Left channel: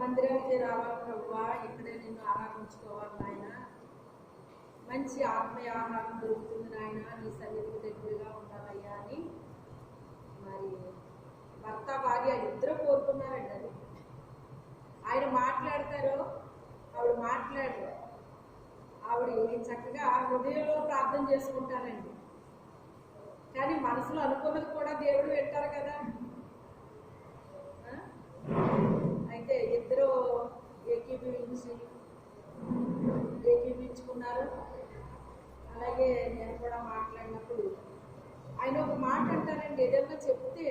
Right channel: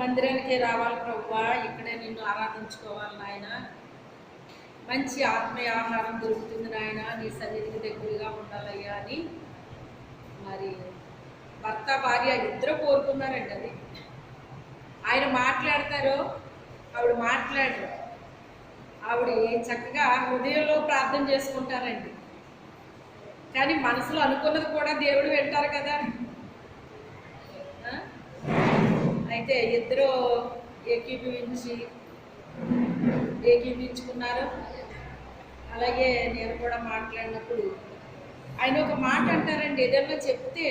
మందిరానికి రావాలి ప్రభువా, ఇక్కడే నిన్ను ఆరాధించుకోవాలి నాయన, మంచి ఆత్మీయ ఆహారం దొరుకుతుంది నాయన, నీ సన్నిధికి దగ్గరగా ఉండాలయ్యా అని మరి భర్త భార్య ఇద్దరు కోరుకున్నారండి. అది ఆయన మాట్లాడతారో ఆవిడ మాట్లాడరు, ఆవిడ చక్కగా హృదయంలో ప్రార్థన చేసుకుంటారండి. కానీ మనసులో అనుకున్నది కూడా దేవుడు వింటారు కదా. అయితే ఇద్దరు ఏకీభవించుకున్నారు. అలాగే నేను కూడా మాట్లాడినప్పుడు ఆయన ఒక మాట అంటారండి, ఏదన్నా చెప్తే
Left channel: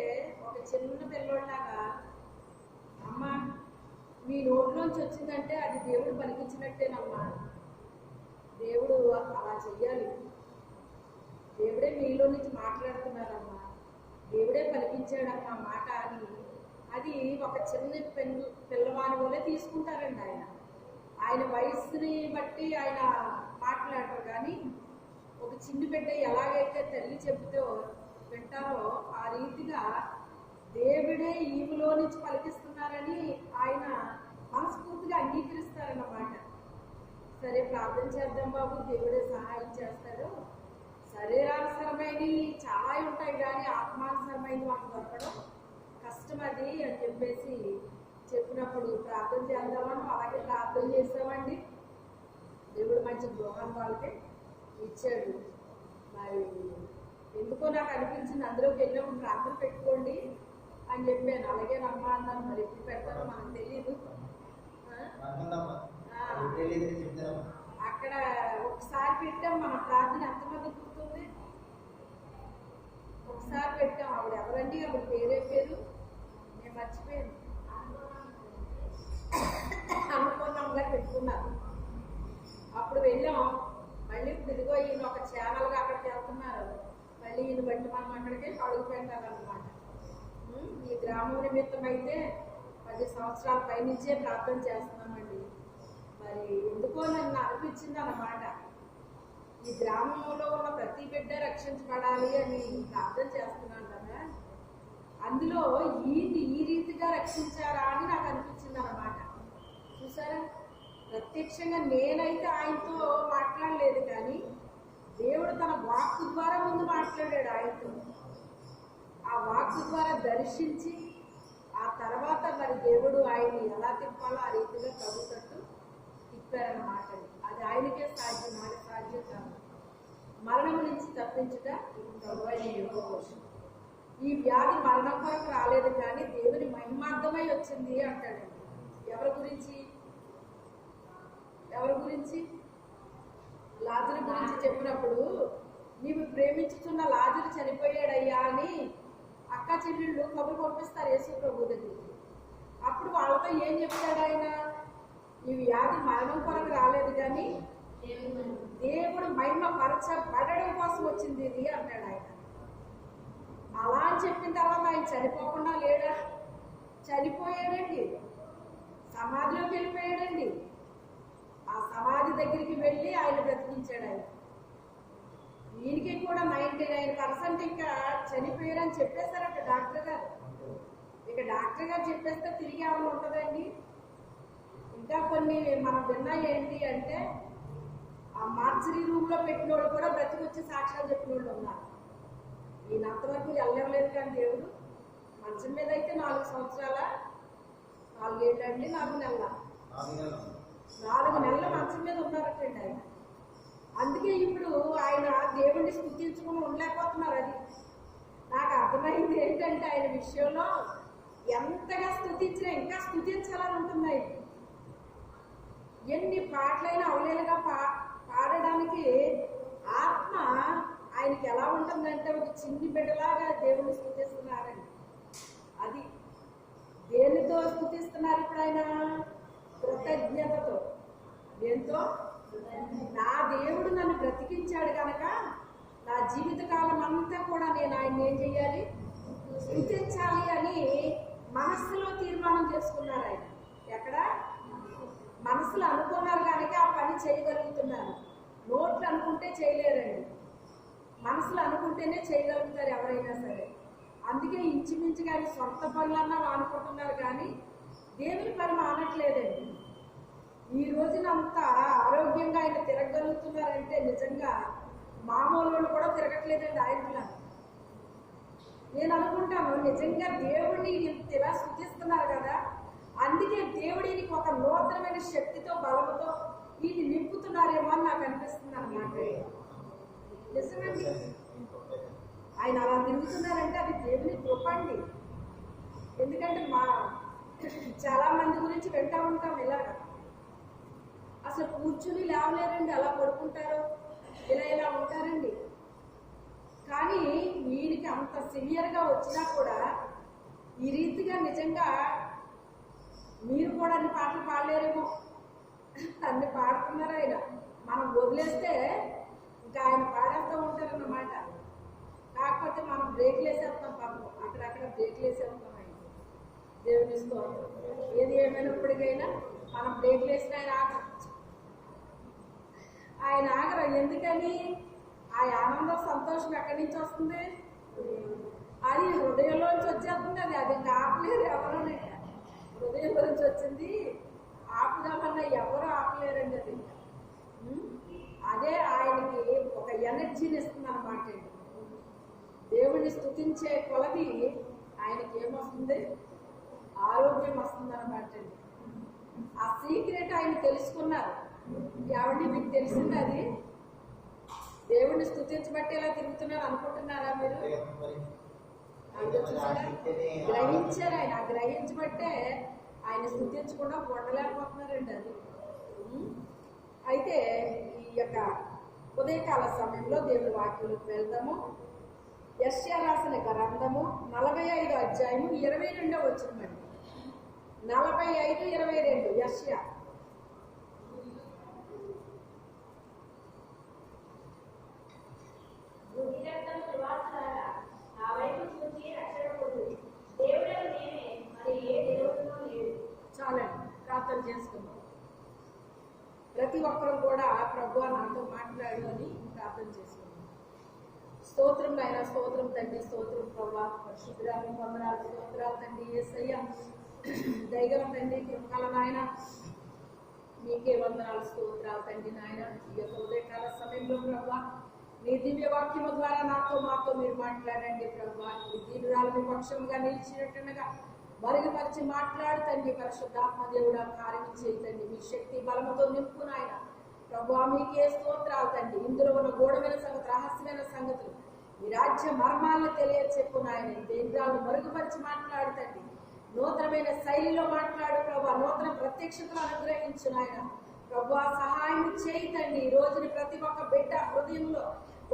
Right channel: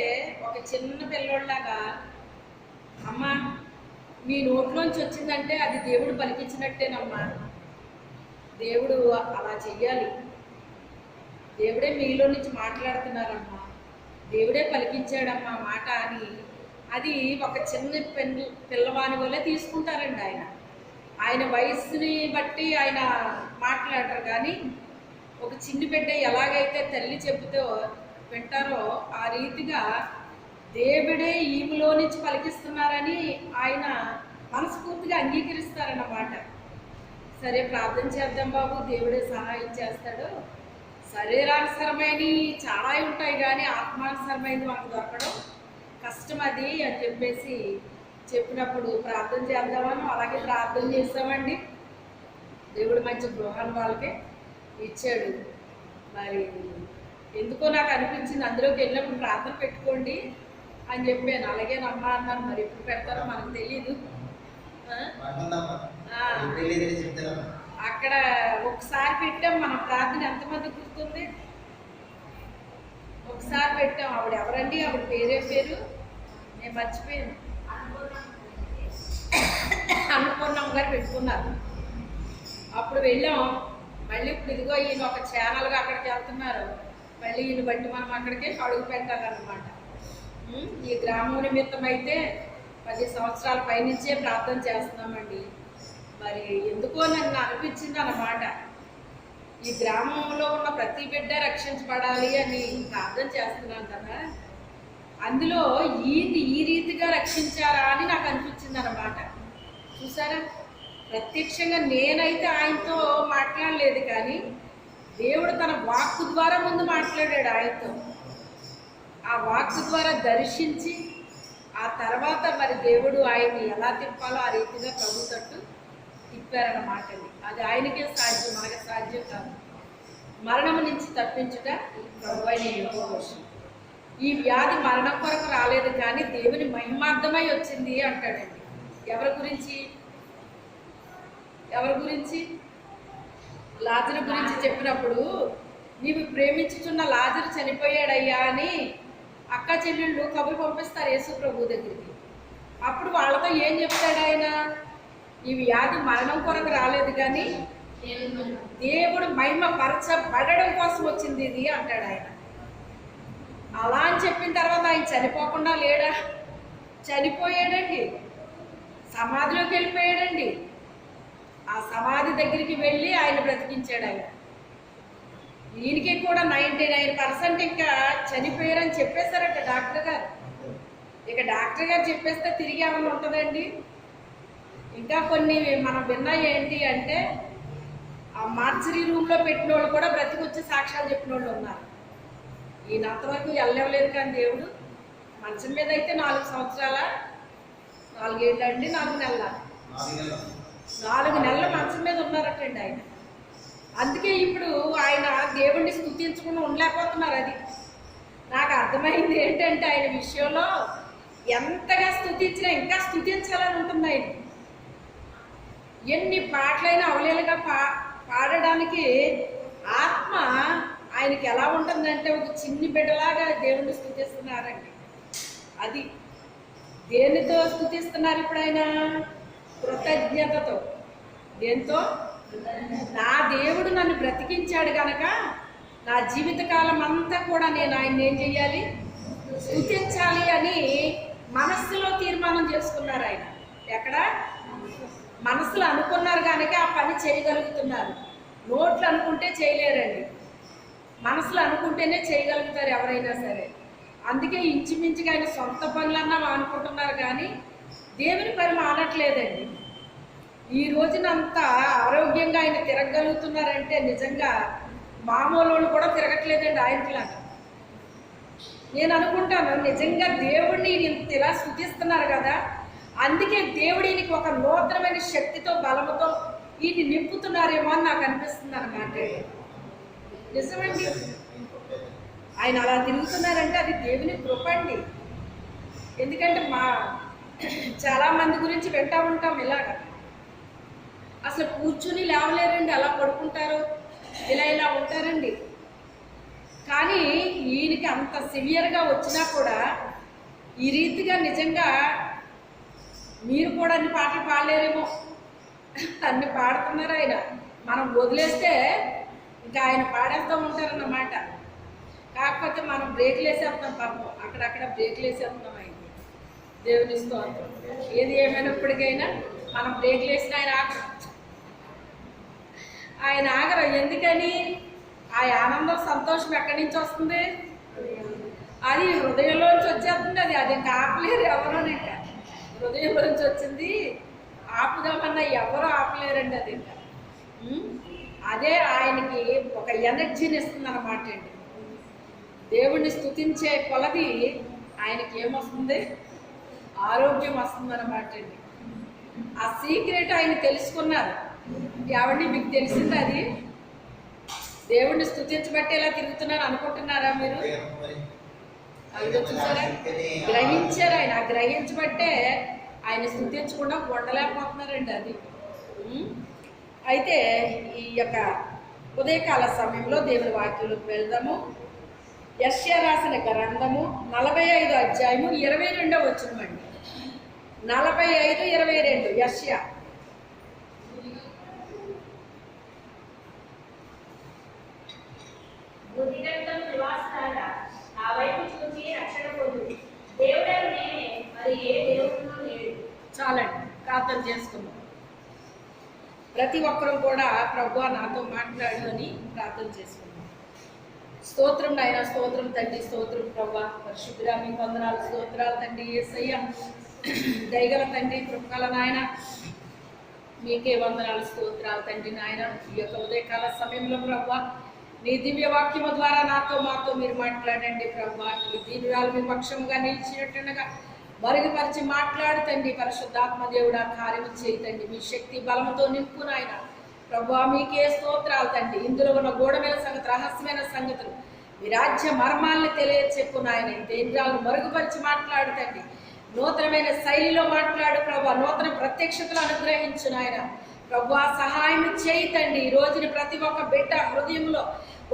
ఒక చిన్న పిల్లోళ్ళలాగా, అమ్మ మీ నోట్లోంచి వచ్చిందంటే అది దేవుడు పలికించినట్టేనమ్మా, దేవుడు అలా చెయ్యాలి, దేవుడే మీలో నుంచి మాట్లాడుతున్నారమ్మా, దేవుడే పలికించాడమ్మా మాట అని అది ఒక చిన్న పిల్లవాని వల్లే తీసుకుంటారండి. ఆయన వయసుని బట్టి ఆయన మాట్లాడరు, కానీ ఒక చిన్ని బిడ్డ ఎలాగైతే తల్లి చెబుతూ వింటారో ఆ రీతిగా దేవుడే ఈమెలో నుంచి పలికిస్తున్నారని ఆయన మనస్ఫూర్తిగా అంగీకరిస్తారన్నమాట. సరే ప్రార్థన చేద్దాం బాబు, దేవుడే సహాయం చేస్తాడు, శరీరానుసరమైనవి చాలా ఉంటాయి కానీ ఆత్మానుసరమైనది మనకు దొరకడం కష్టం అది అని చెప్పేసి చెప్పినప్పుడు ప్రార్థన చేద్దామని అలాగే ప్రార్థన చేస్తామండి. దేవుడు మంచి గృహాన్ని వాళ్ళకి ఇచ్చాడు. మరి ఎందుకో నాకు అనిపించింది అందులోకి వెళ్ళినప్పుడు ప్రార్థన పెట్టుకోండి అని చెప్పాను. అలాగే నమ్మ అన్నాను, మరి ఎప్పుడు పెడతారో మనకు తెలీదు. అక్కడ ఒకసారి పెట్టాం మనం ప్రార్థన, ఎంతమంది గుర్తుంది? ఒకసారి పెట్టాం. ఆవిడ ఎవరండి, ఆవిడ పేరు నేను మర్చిపోయాను, అన్నపూర్ణమ్మ గారు పెట్టుకున్నారు. అప్పుడు వెళ్ళాం. మళ్ళీ ఇప్పుడు ఇదిగో ఈయన ఒక ఛానల్గా అక్కడికి వెళ్తున్నారు, మళ్ళీ ఈయన బట్టి మనం అక్కడికే అడుగు పెట్టాలన్నమాట. ఈ గ్రామం నిమిత్తం అయితే 10 సంవత్సరాల పైనుంచే ప్రార్థన చేస్తున్నామండి. మరి ఎందుకో నన్ను అనిపించింది అన్నమాట, ఈ గ్రామంలో ఉన్న ప్రతి బిడ్డ రక్షించబడాలి అని ప్రార్థన చేస్తున్నాను కదా, అందులో ఈ రీతిగా రక్షించారా అని నాకు అనిపించింది అన్నమాట. చూసారా, ప్రత్యక్షంగా నేనైతే ఆయనతో మాట్లాడలేదు, కానీ దేవుడు తన వాక్కు ద్వారా ముందు మాట్లాడాడు ఆయనతో. ఆ వాక్కు ద్వారా దర్శించి ఆ తర్వాత మరి దేవుడు ఆయన్ని ఎలా తిప్పాలో ఆ రీతిగా ప్రభు తట్టు తిప్పారన్నమాట. అది ఆయనకే సాధ్యం, మనకి సాధ్యం కాదు. మరణం నుంచి తప్పించుట ప్రభు అయిన యెహోవా. ఈ వ్యాధి మరణం కొరకు రాలేదు కానీ దేవుని మహిమార్థమై వచ్చింది అంటాడండి. ఎవరి గురించి? లాజరు గురించి చెప్పినప్పుడు, నీవు ప్రేమించుచున్న లాజరు చనిపోయాడయ్యా అని అక్క చెల్లెళ్ళు కబురు పంపిస్తారు యేసు ప్రభు దగ్గరికి. అప్పుడు వాళ్ళతో ఏం చెప్తాడు ఆయన, ఈ వ్యాధి మరణం కొరకు రాలేదు కానీ దేవుడు మహిమ పరచబడడం కోసం వచ్చింది ఇది అంటాడు ఆయన. అలా అని చెప్పిన తర్వాత ఆయన చనిపోకుండా లేడా? చనిపోయాడండి, సమాధిలోకి వెళ్ళిపోయాడండి. ఆ సమాధి దగ్గరికి వెళ్ళి ఆయన బ్రతికించాడు ఆయన. ఈయనకి కూడా 99% ఇంకా చనిపోయారని చెప్పేశారట డాక్టర్ గారు. ఇక డాక్టర్ గారు చెప్పేస్తే తిరిగి ఏమైనా ఉంటుందండి? ఇంకా కొన్ని మనం విన్నా ఏంటి అంటే, ఆ మార్చరీ రూమ్లో పెట్టిన వాళ్ళు కూడా బ్రతికొచ్చి సాక్ష్యాలు చెప్పిన వాళ్ళు ఉన్నారు. ఈయన అంతవరకు వెళ్ళలేదు కానీ దేవుడు మంచం మీద అయితే 4 సంవత్సరాల 4 ఏళ్ళు అండి, 4 నెలల 4 నెలల మంచం మీద ఉన్నారటండి ఆయన. అందుకే ఇప్పుడు ఆయన దేవుణ్ణి స్తుతించకుండా ఉండలేకపోతున్నారు. అది నాకు అర్థమైంది ఏంటంటే, ఆయన విషయంలో ఎంతగా స్తుతించినా ఇంకా స్తుతించాలని ఉంటుంది. ఆయన ఎన్ని పాటలైనా అవలేలుగా పాడడానికి ఆత్మ ఆయనకి ఎలా ఉంటుందంటే, ఒక చిన్ని బిడ్డలాగా దేవుణ్ణి స్తుతిస్తున్నారండి. అది దేనితో స్తుతిస్తున్నారు ఇప్పుడు ఆయన? కృతజ్ఞతతో. దేంతో? నా దేవుడు నన్ను బ్రతికించాడు కనుక నా జీవితకాలం అంతా కూడా నేను ఆయన్ని ఏం చెయ్యాలి? స్తుతించాలి అని మనస్సులో తీర్మానం చేసుకున్నారు ఆయన. ఎక్కడ? మనసులో అనుకున్నారు కనుక ఆ పని చేయగలుగుతున్నారు. నోట్లు అనుకుంటే చేయలేరండి, మనసులో అనుకుంటేనే చేయగలుగుతారు ఎవరైనా సరే. అందుకే ఇంచుమించుగా ఆయన సొంత పనులన్నా అనుకుంటున్నారు కానీ దేవుని పని మానట్లేదండి. ఈ రోజునంతా ఆరోగ్యంగా ఆయన తిరగలుగుతున్నారంటే నిజంగా మామూలు వాళ్ళు కూడా తిరగట్లేదండి ఆయనలాగా. నేను అనుకుంటాను నిజంగా దేవుడిని ఇంత ఇలా స్తుతిస్తున్నారు కదా, అందుకే దేవుడు ఈయనకి ఒక నూతనమైన శక్తితో బలముతో ఈయన్ని నింపుతున్నారేమో అని నాకు అనిపిస్తుంది అన్నమాట. నిజమండి, ఆయన అలా తిరుగుతున్నారంటే అది దేవుని కృప అండి. ఎందుకంటే చాలా మంది గురించి వింటా ఉంటాం ఇలాగా, అసలు కూర్చుని లేవలేరండి, అలా పడుకుంటారు, ఇలా ఉంటారండి. కానీ ఈయనకి అంత సివియర్గా వచ్చినా కూడా ఈ రీతిగా నిజంగా మీరు కూడా అన్ని పాటలు పాడలేరేమో, అన్ని పాడుతున్నారు ఆయన. మనం వదిలేస్తే ఇంకా ఆయన పాడేస్తూ ఉంటారన్నమాట. కాకపోతే మనం బ్రేక్లు వేసేస్తాం, పాపం అక్కడక్కడ బ్రేక్లు వేసేస్తున్నాం. ఆయన దేవుని స్తోత్రం. ఏది ఏమైనప్పటికైనా మనం బ్రేక్లు వేసిన ఆయన ఆగరు. ఎందుకని? ఆ ఆనందం సంతోషం ఎక్కడి నుంచి వస్తుంది? అది హృదయంలోంచి వచ్చేస్తుంది. అది ఇంకా ఆపలేరు ఎవరు. ఇంకా హృదయంలోంచి వచ్చింది ఆపుదామన్నా ఎవరు ఆపలేరండి. అది ఇంకా అదే ఆయనకి ఒక ఎనర్జీని ఇస్తుంది అన్నమాట అండి. దేవుణ్ణి స్తుతించే కొలది ఆయనకి ఏమొస్తుంది? ఆరోగ్యం వస్తుంది అన్నమాట అండి. ఆ సీక్రెట్ ఆయన తెలుసుకున్నారు. ఎవరిని మీకు తెలిసింది? అది దేవుణ్ణి స్తుతించబట్టి ఎలా తిరుగుతున్నారు అనుకుంటున్నారా మీరు? అది చూసారా, గ్రహించారు ఆయన. గ్రహించబట్టే ఆయన స్తుతించకుండా ఉండలేకపోతున్నారండి. అది అయితే ఈ యొక్క ఉదయకాల సమయంలో దేవుని వాక్యంలోకి వెళ్దాము. యెషయా రాసిన గ్రంథము 45 అధ్యాయము 22వ వచనమండి. 45:22 యెషయా. చాలండి, ప్రార్థన చేసుకుందాం. ప్రతి ఒక్కరూ కూడా ప్రభువా నాతో మాట్లాడు అని ప్రార్థన చేసుకుందాం. స్తోత్రం నాయన, స్తోత్రం తండ్రి, స్తోత్రం ప్రభువా. పరిశుద్ధుడా మీకు వందనాలు, స్తోత్రాలు తండ్రి. యేసయ్య దయగల తండ్రి, కృపగల నాయన మీకే వందనాలు, స్తోత్రాలు తండ్రి. నాయన ఈ యొక్క ఉదయకాల సమయంలో ప్రభువా నీ దివ్య వాక్యము ద్వారా మాతో మీరు మాట్లాడండి ప్రభువా. ఈ దీనురాలు మీ పక్షముగా నిలిచినట్టుగా మరుగుపరిచి మాట్లాడుతండి. పరిశుద్ధాత్మ దేవుడా కార్యము చేయతండి. మీ శక్తి బలముతో నింపు నాయన ప్రభువా. మీకే స్తోత్రాలు తండ్రి. ఇందులో ఉన్న గూఢమైన సంగతి, రహస్యమైన సంగతులు, మీ రాజ్య మర్మాలను తెలియచెప్పు నాయన. దేంద్రాలను మరుగుపరిచి మాట్లాడుతండి. నూతనమైన శైలిలో మాట్లాడు ప్రభువా. నూతన ప్రత్యక్షతలు అనుగ్రహించు నాయన ప్రభువా. సహాయం చేయతండి. ఈ రోజున ప్రతి ఒక్క బిడ్డ హృదయంలో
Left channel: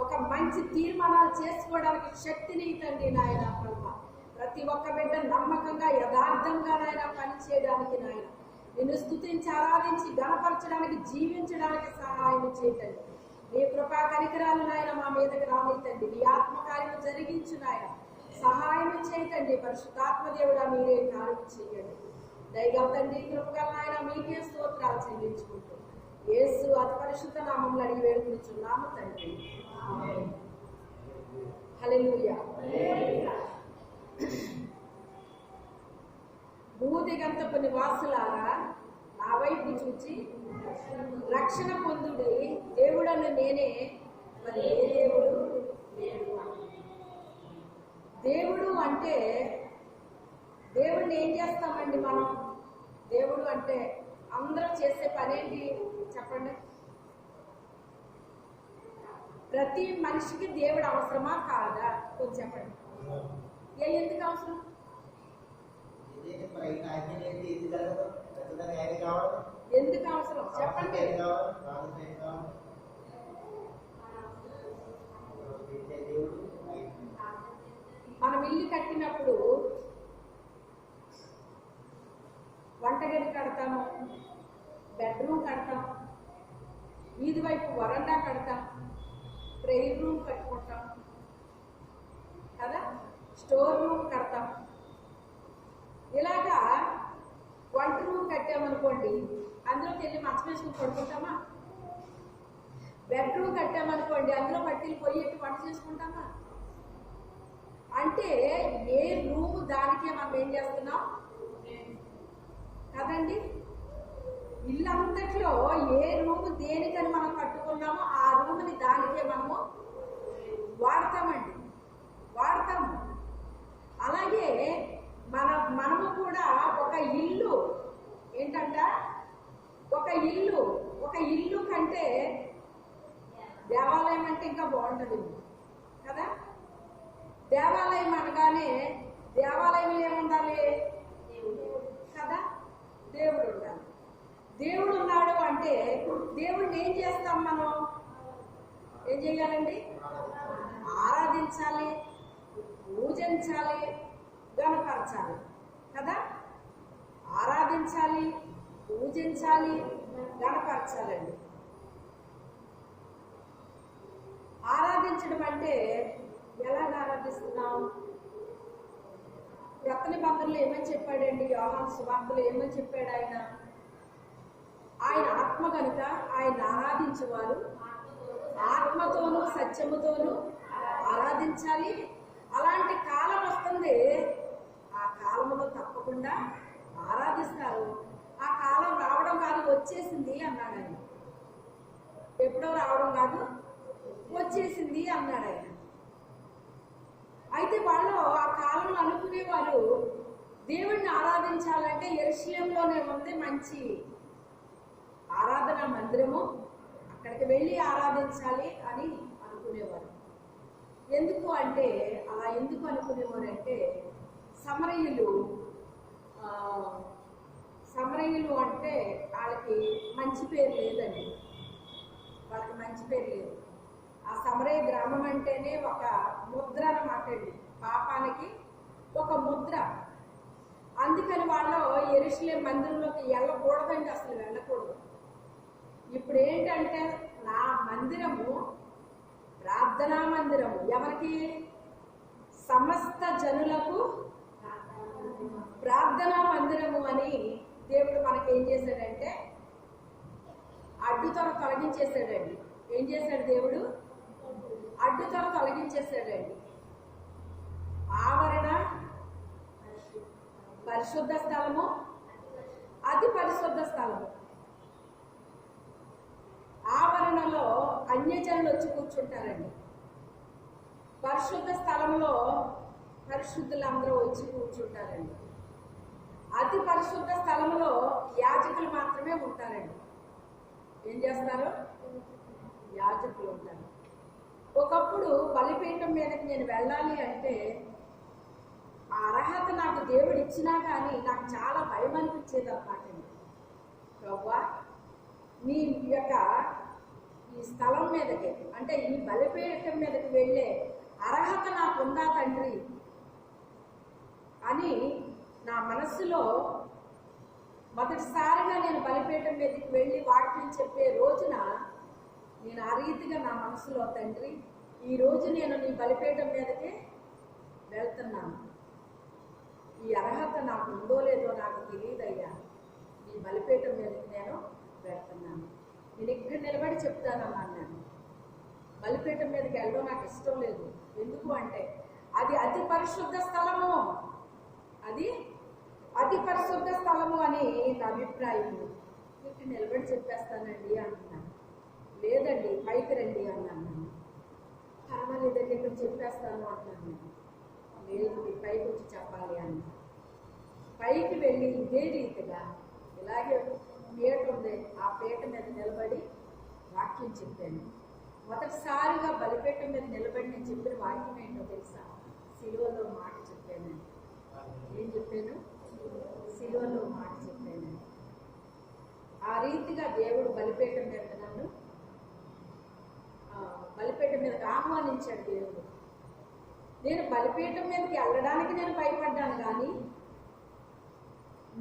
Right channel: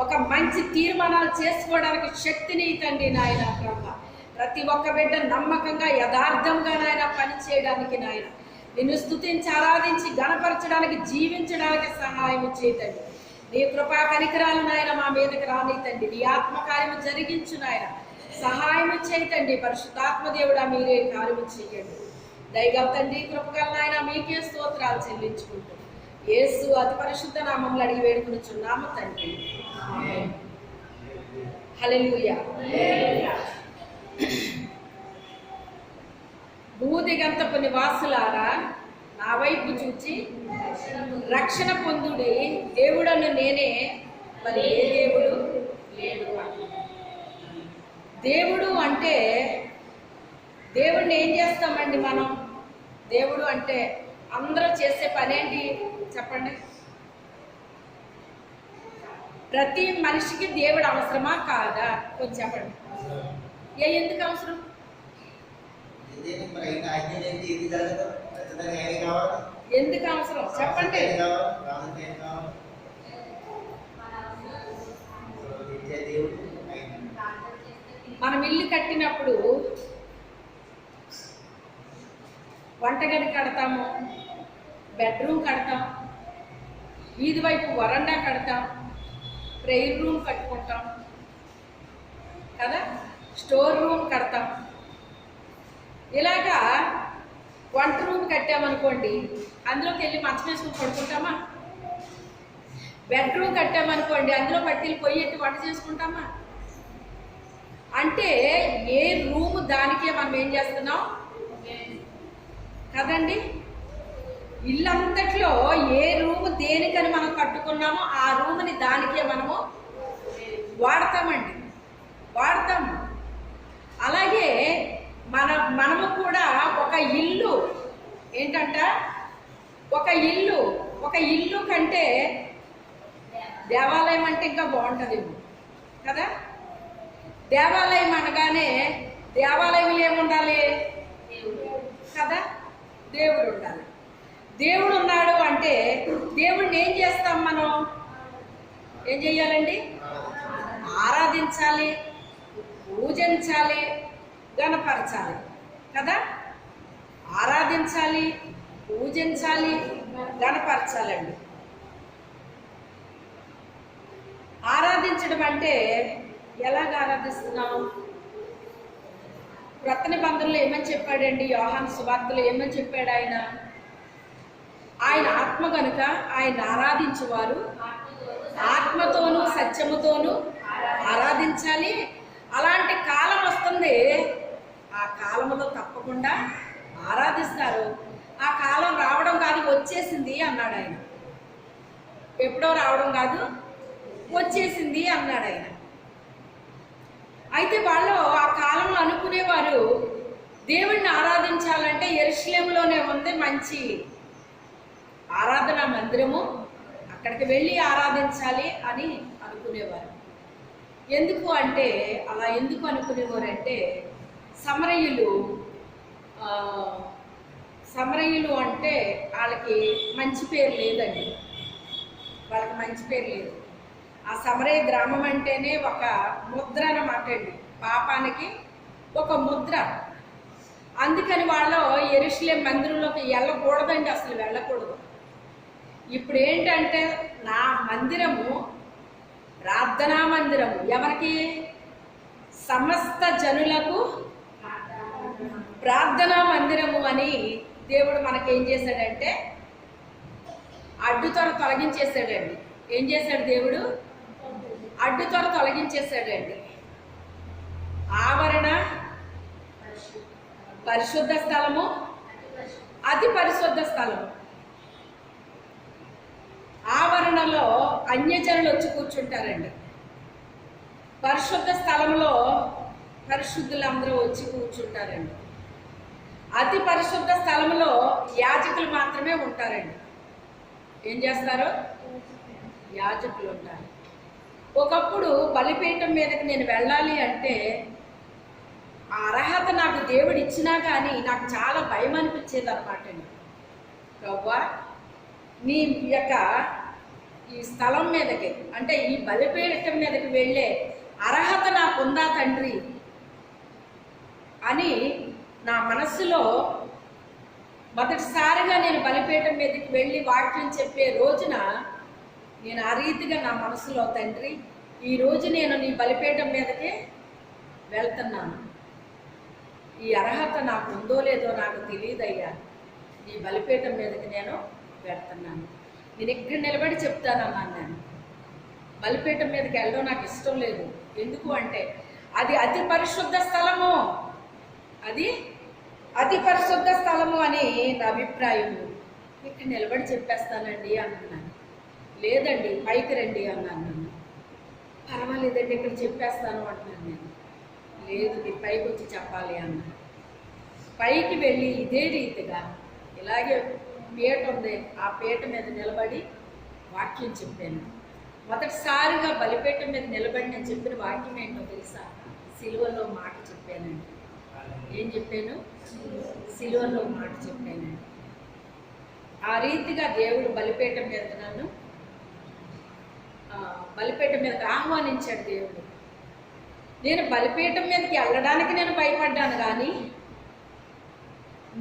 ఒక మంచి తీర్మానాలు చేసుకోవడానికి శక్తిని తండ్రి నాయన ప్రభువా. ప్రతి ఒక్క బిడ్డ నమ్మకంగా యథార్థంగా నాయన పని చేయడానికి నాయన నిన్ను స్తుతించి ఆరాధించి గణపరచడానికి జీవించడానికి సహాయం చేయతండి. నీ కృపా కనికరాలు నాయన మా మీదకి రానితండి. నీ ఆత్మకార్యము జరిగించు నాయన సహాయం చేయతండి. పరిశుద్ధాత్మ దేవుడా మీరే కార్యము చేయండి. దయగల తండ్రి, కృపగల నాయన మీకే స్తోత్రాలు చెల్లించుకుంటూ యేసు అతి పరిశుద్ధ నామములో అడిగి వేడుకొనుచున్నాము తండ్రి. ఆమేన్. హల్లెలూయా. భూదిగంతపు నివాసులారా నా వైపు చూచి రక్షణ పొందుడి. దేవుడను నేనే, మరి ఏ దేవుడు లేడు. దేవుడు అంటే దేవుడిని ఏం చేస్తామండి మనం? దేవుడు అంటే అందరూ చేసే పనేంటి చెప్పండి? ప్రతి మనిషికి దేవుడు అవసరమా కాదా? కొంచెం చెప్పండి. ఎందుకు అవసరం? ఎందుకు అవసరం చెప్పండి. మనం ఇల్లు కట్టినప్పుడు వంటగది కడతాము, బెడ్రూమ్ కడతాం, వీధి వైపు వరండా కడతాం, ప్రేయర్ రూమ్ కట్టుకుంటాం కదా, స్టోర్ రూమ్ కడతాం. ఇలాగా వంట రూమ్ కట్టామనుకోండి, అందులోకి వెళ్ళి మంచం వేసుకుని పడుకుంటామా? బెడ్రూమ్ కట్టామనుకోండి, అందులో పట్టిల్లి పొయ్యి ఎత్తి వంట చేసుకుంటామా? అంటే ఏ రూమ్ దానికే మనం ఏం చేస్తున్నాం? కదండి. ఇల్లంతట్లో ఏ రూము దేనికని మనం కట్టుకున్నామో ఆ రూముని దానికే మనము వాడతాము. అలాగే మనము కూడా ఒక ఇల్లు ఏంటంట, ఒక ఇల్లు కంటే దేవాలయం అంటే ఇంకా బాగుంటుంది కదా. దేవాలయం అనగానే దేవాలయంలో ఏముండాలి కదా, దేవుడు ఉండాలి. దేవుడు ఉన్నాడు అంటే దేవుడిని ఏం చేస్తాం మనం? ఏం చెయ్యాలండి? ఆరాధించాలి, పూజించాలి, గణపరచాలి కదా. ఆరాధించాలి, పూజించాలి, గణపరచాలండి. ఆరాధించడం అంటే ఎలాగ ఆరాధిస్తున్నాం? క్రొత్త నిబంధనలో ఏమని చెప్పాడండి? యోహాను సువార్తలో ఏమని చెప్పాడు? ఆయన ఆత్మ కనుక ఆయన ఆరాధించేవారు ఆత్మతోనూ సత్యముతోనూ ఆరాధించాలి. అలాంటి కాలం వస్తుంది, ఆ కాలంలో తప్పకుండా ఆరాధిస్తారు. ఆ కాలం రావడం కాదు, వచ్చేసింది అన్నాడు ఆయన. ఎప్పుడో రావడం కాదు, వచ్చేసింది అన్నాడు ఆయన. అయితే వాళ్ళు ఆ కాలంలో అనుకునేవారు దేవుణ్ణి ఆరాధించాలంటే యెరూషలేములోనే ఉంది మంచి ఆరాధనా మందిరము, అక్కడికి వెళ్ళి ఆరాధించాలి అని అనుకునేవారు. ఎందుకు అంటే అలా ఎందుకు అనుకునేవారంటే సమరయులు అంటే వాళ్ళకి మంచి పేరు లేదండి. వాళ్ళకి మంచి పేరు లేదు. ఆ సమరయ గ్రామం అంటేనే ఒక ముద్ర అన్నమాట అండి, పాపానికి ఒక ముద్ర. అందుకని వాళ్ళు యెరూషలేం మందిరంలోకి వెళ్ళకూడదండి, అసలు వెళ్ళకూడదు. ఇప్పుడు ఏంటంటే నా మందిరము ప్రార్థనా మందిరము, ఎవరికి? సమస్త జనులకు ప్రార్థనా మందిరము అని దేవుడు మనకేం చేశాడంటే అడ్డుతొర తొలగించేశాడండి. ఏం చేశాడు దేవుడు? అడ్డుతొర తొలగించేశాడండి. ఆవరణ పరిశుద్ధ స్థలము, అతి పరిశుద్ధ స్థలము. ఆవరణలో అన్యజనులు వచ్చి కూర్చుంటారండి. పరిశుద్ధ స్థలంలో పరిశుద్ధులు అందరూ వచ్చి కూర్చుంటారండి. అతి పరిశుద్ధ స్థలంలో యాజకులు మాత్రమే ఉంటారండి. ఏం చేస్తారు? యాజకులు ఉంటారు. ఒకప్పుడు బలిపీఠం మీదకి నేను వెళ్ళాలి అంటే ఆ అర్హత నాకు దేవుడు ఇచ్చినా కానీ నాకు చాలా భయం అనిపించేది అన్నమాట అండి. ప్రభువా, నీ యొక్క ఈ స్థలం మీదకి అంటే ఈ బలిపీఠం మీదకి వెళ్ళే అర్హత నాకుందా తండ్రి అని నా మనస్సులో మొదటిసారిగా నేను బలిపీఠం మీదకి వెళ్ళి వాక్యం చెప్పే రోజున నేను ఆ రీతిగా నా మనసులో, తండ్రి ఈరోజు నేను నీ బలిపీఠం మీదకి వెళ్తున్నాను, ఈ అర్హత నాకు ఉందో లేదో నాకు తెలియదయ్యా, నీ బలిపీఠం మీదకి నేను వెళ్తున్నాను. నేను ఇక్కడ నిలబడి చెప్తానన్నాను. నేను బలిపీఠం మీదకి వెళ్ళడం నాకు ఇష్టం లేదు. ఎందుకు అంటే అది అతి పరిశుద్ధ స్థలము, అది అతి పరిశుద్ధ స్థలము అని నా అభిప్రాయము. ఇక్కడ నిలబడి చెప్పేస్తానండి అన్నాను. లేదండి పైకి రండి అన్నాను. పర్వాలేదండి ఇక్కడ చెప్పేస్తాను అంటున్నాను నేను. లేదు మీరు పైకి వచ్చి చెప్పాలి అన్నాను. పైకి వెళ్ళి ఇదే రీతిగా ఇలాగే పీట ఉంది, ఆ పీట మీద నిలబడి వాక్యం చెప్పాను. మొదటిసారిగా బలిపీఠం మీద నిలబడి నేను చెప్పిన వాక్యం ఏంటో తెలుసా? సిలువలో మాట చెప్పానండి. ఏం చెప్పాను? సిలువలో మాట చెప్పానండి. ఆ రీతిగా దేవుడు బలిపీఠం మీద నన్ను బలిపీఠం మీదకి ఆహ్వానించాడు దేవుడు. నేను బలిపీఠం మీదకి వెళ్ళడానికి నేను భయపడ్డాను, కానీ